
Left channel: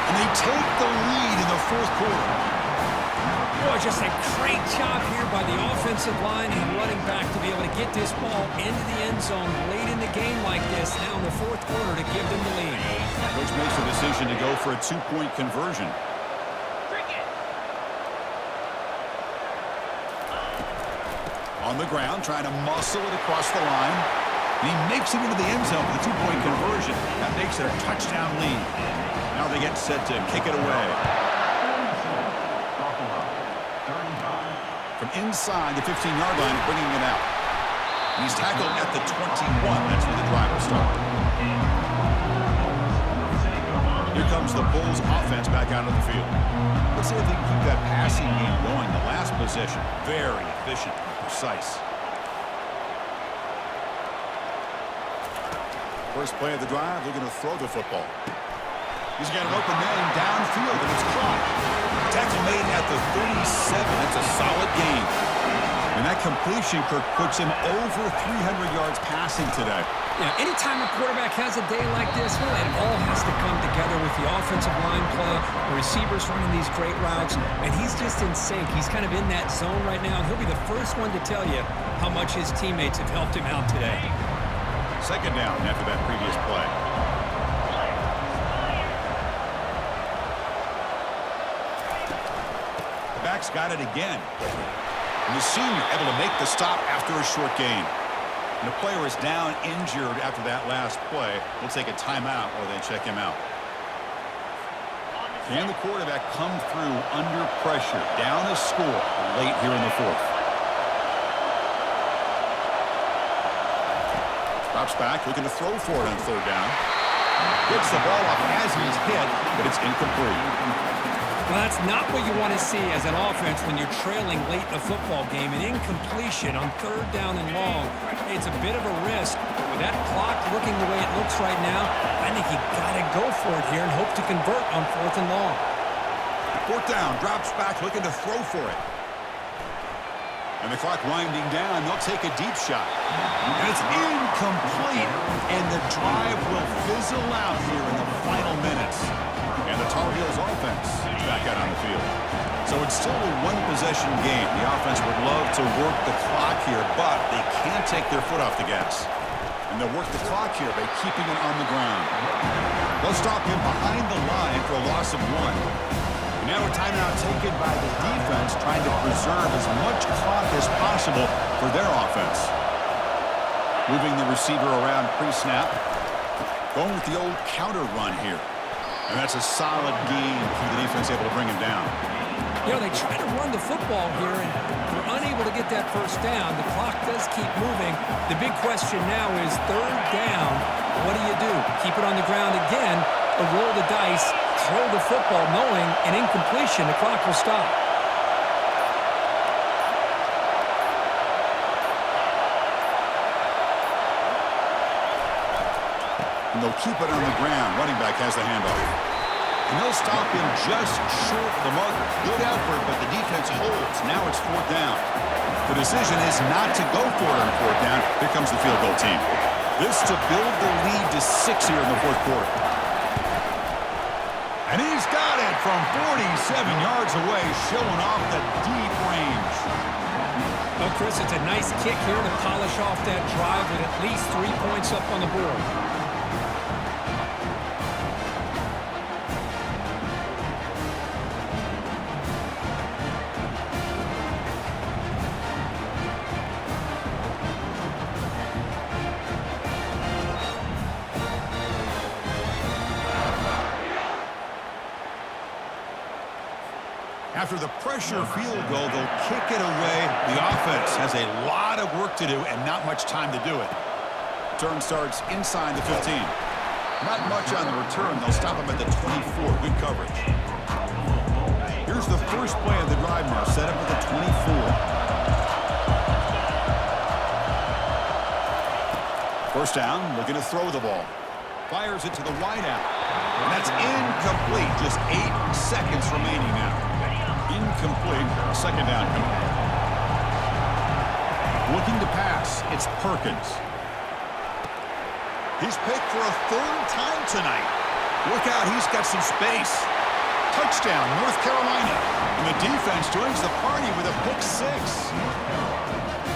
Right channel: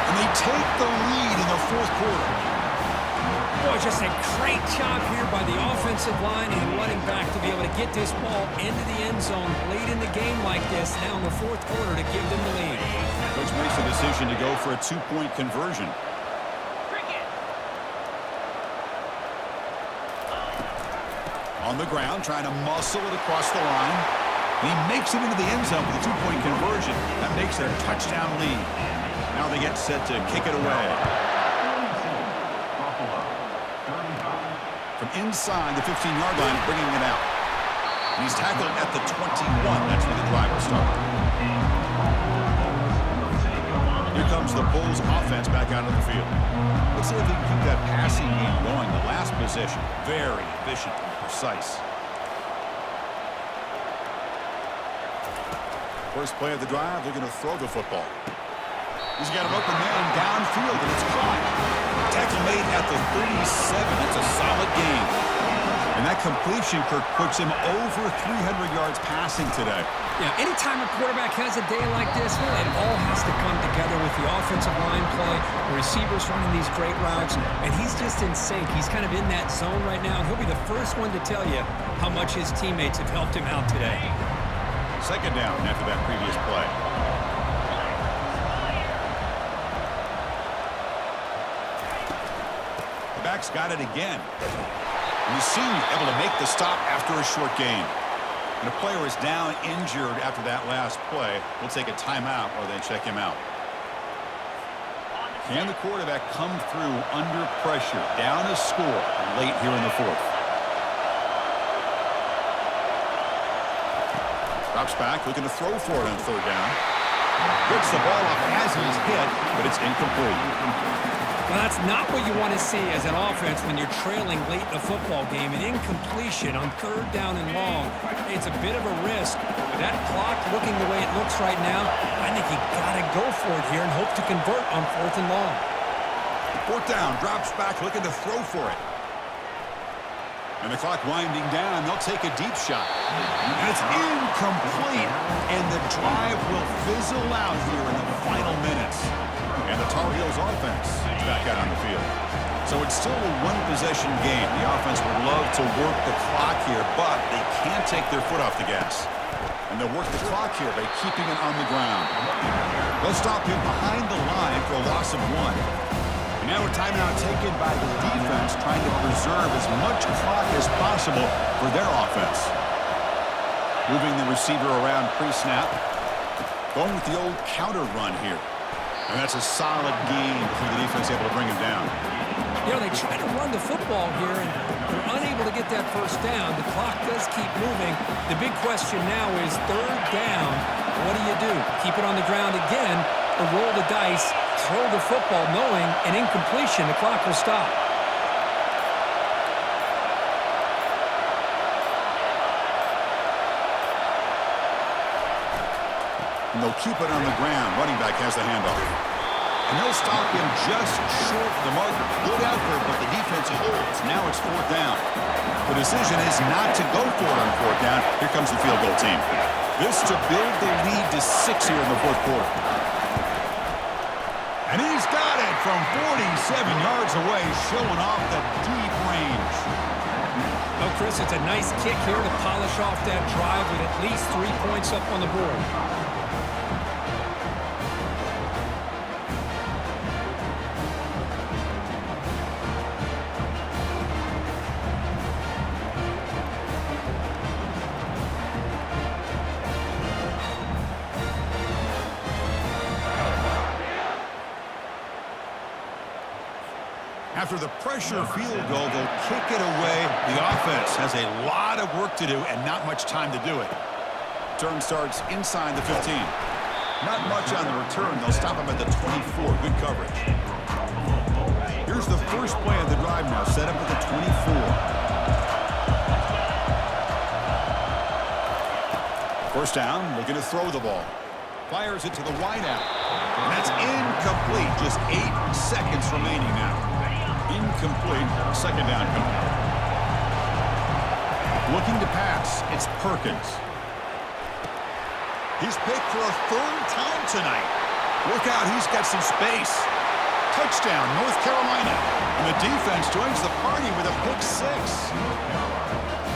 And they take the lead in the fourth quarter. Boy, just a great job here by the offensive line and running back to be able to get this ball into the end zone late in the game like this, now in the fourth quarter, to give them the lead. Coach makes a decision to go for a two-point conversion. On the ground, trying to muscle it across the line. And he makes it into the end zone with a two-point conversion. That makes it a touchdown lead. Now they get set to kick it away. From inside the 15-yard line, bringing it out. And he's tackled at the 21. That's where the drive will start. Here comes the Bulls offense back out of the field. Let's see if they can keep that passing game going. The last possession, very efficient and precise. First play of the drive, looking to throw the football. He's got an open man downfield, and it's caught. Tackle made at the 37. That's a solid gain. And that completion, Kirk, puts him over 300 yards passing today. Yeah, anytime a quarterback has a day like this, well, it all has to come together with the offensive line play, the receivers running these great routes, and he's just in sync. He's kind of in that zone right now, and he'll be the first one to tell you how much his teammates have helped him out today. Second down after that previous play. The back's got it again. And the senior able to make the stop after a short gain. And a player is down injured after that last play. We'll take a timeout while they check him out. Can the quarterback come through under pressure? Down a score late here in the fourth. Drops back, looking to throw for it on third down. Gets the ball off as he's hit, but it's incomplete. Well, that's not what you want to see as an offense when you're trailing late in a football game. An incompletion on third down and long. It's a bit of a risk, but with that clock looking the way it looks right now, I think you got to go for it here and hope to convert on fourth and long. Fourth down, drops back, looking to throw for it. And the clock winding down, they'll take a deep shot. And it's incomplete, and the drive will fizzle out here in the final minutes. And the Tar Heels offense is back out on the field. So it's still a one-possession game. The offense would love to work the clock here, but they can't take their foot off the gas. And they'll work the clock here by keeping it on the ground. They'll stop him behind the line for a loss of 1. And now a timeout taken by the defense, trying to preserve as much clock as possible for their offense. Moving the receiver around pre-snap. Going with the old counter run here. And that's a solid game for the defense, able to bring him down. You know, they try to run the football here, and they're unable to get that first down. The clock does keep moving. The big question now is third down. What do? Keep it on the ground again, or roll the dice, throw the football, knowing an incompletion, the clock will stop. And they'll keep it on the ground. Running back has the handoff. And they'll stop him just short of the marker. Good effort, but the defense holds. Now it's fourth down. The decision is not to go for it on fourth down. Here comes the field goal team. This to build the lead to 6 here in the fourth quarter. And he's got it from 47 yards away, showing off the deep range. Well, Chris, it's a nice kick here to polish off that drive with at least 3 points up on the board. After the pressure field goal, they'll kick it away. The offense has a lot of work to do and not much time to do it. Turn starts inside the 15. Not much on the return. They'll stop him at the 24. Good coverage. Here's the first play of the drive now. Set up at the 24. First down, looking to throw the ball. Fires it to the wideout. And that's incomplete. Just 8 seconds remaining now. Incomplete. Second down coming up. Looking to pass. It's Perkins. He's picked for a third time tonight. Look out. He's got some space. Touchdown, North Carolina. And the defense joins the party with a pick 6.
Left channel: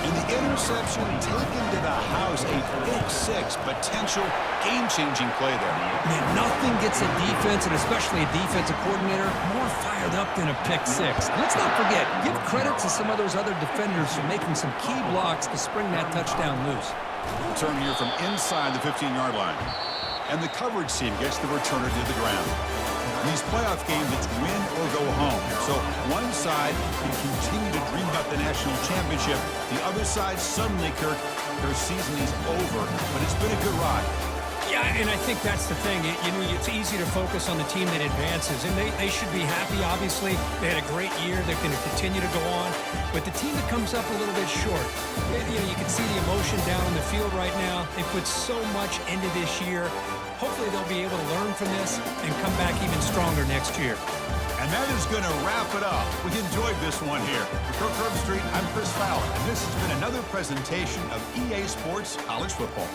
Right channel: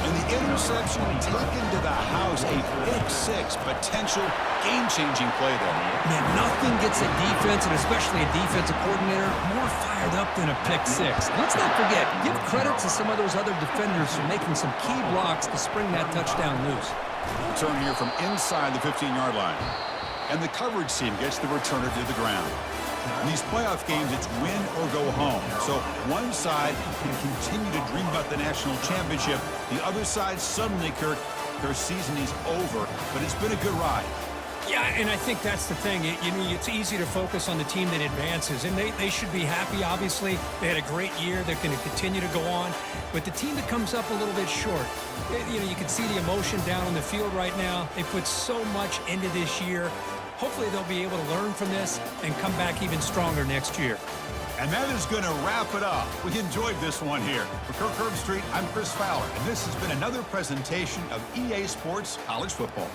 And the interception taken to the house. A pick 6. Potential game-changing play there. Man, nothing gets a defense, and especially a defensive coordinator, more fired up than a pick 6. Let's not forget, give credit to some of those other defenders for making some key blocks to spring that touchdown loose. Return here from inside the 15-yard line. And the coverage team gets the returner to the ground. In these playoff games, it's win or go home. So one side can continue to dream about the national championship. The other side, suddenly, Kirk, their season is over. But it's been a good ride. Yeah, and I think that's the thing. It's easy to focus on the team that advances, and they should be happy, obviously. They had a great year. They're going to continue to go on. But the team that comes up a little bit short, you can see the emotion down on the field right now. They put so much into this year. Hopefully they'll be able to learn from this and come back even stronger next year. And that is going to wrap it up. We enjoyed this one here. For Kirk Herbstreit, I'm Chris Fowler, and this has been another presentation of EA Sports College Football.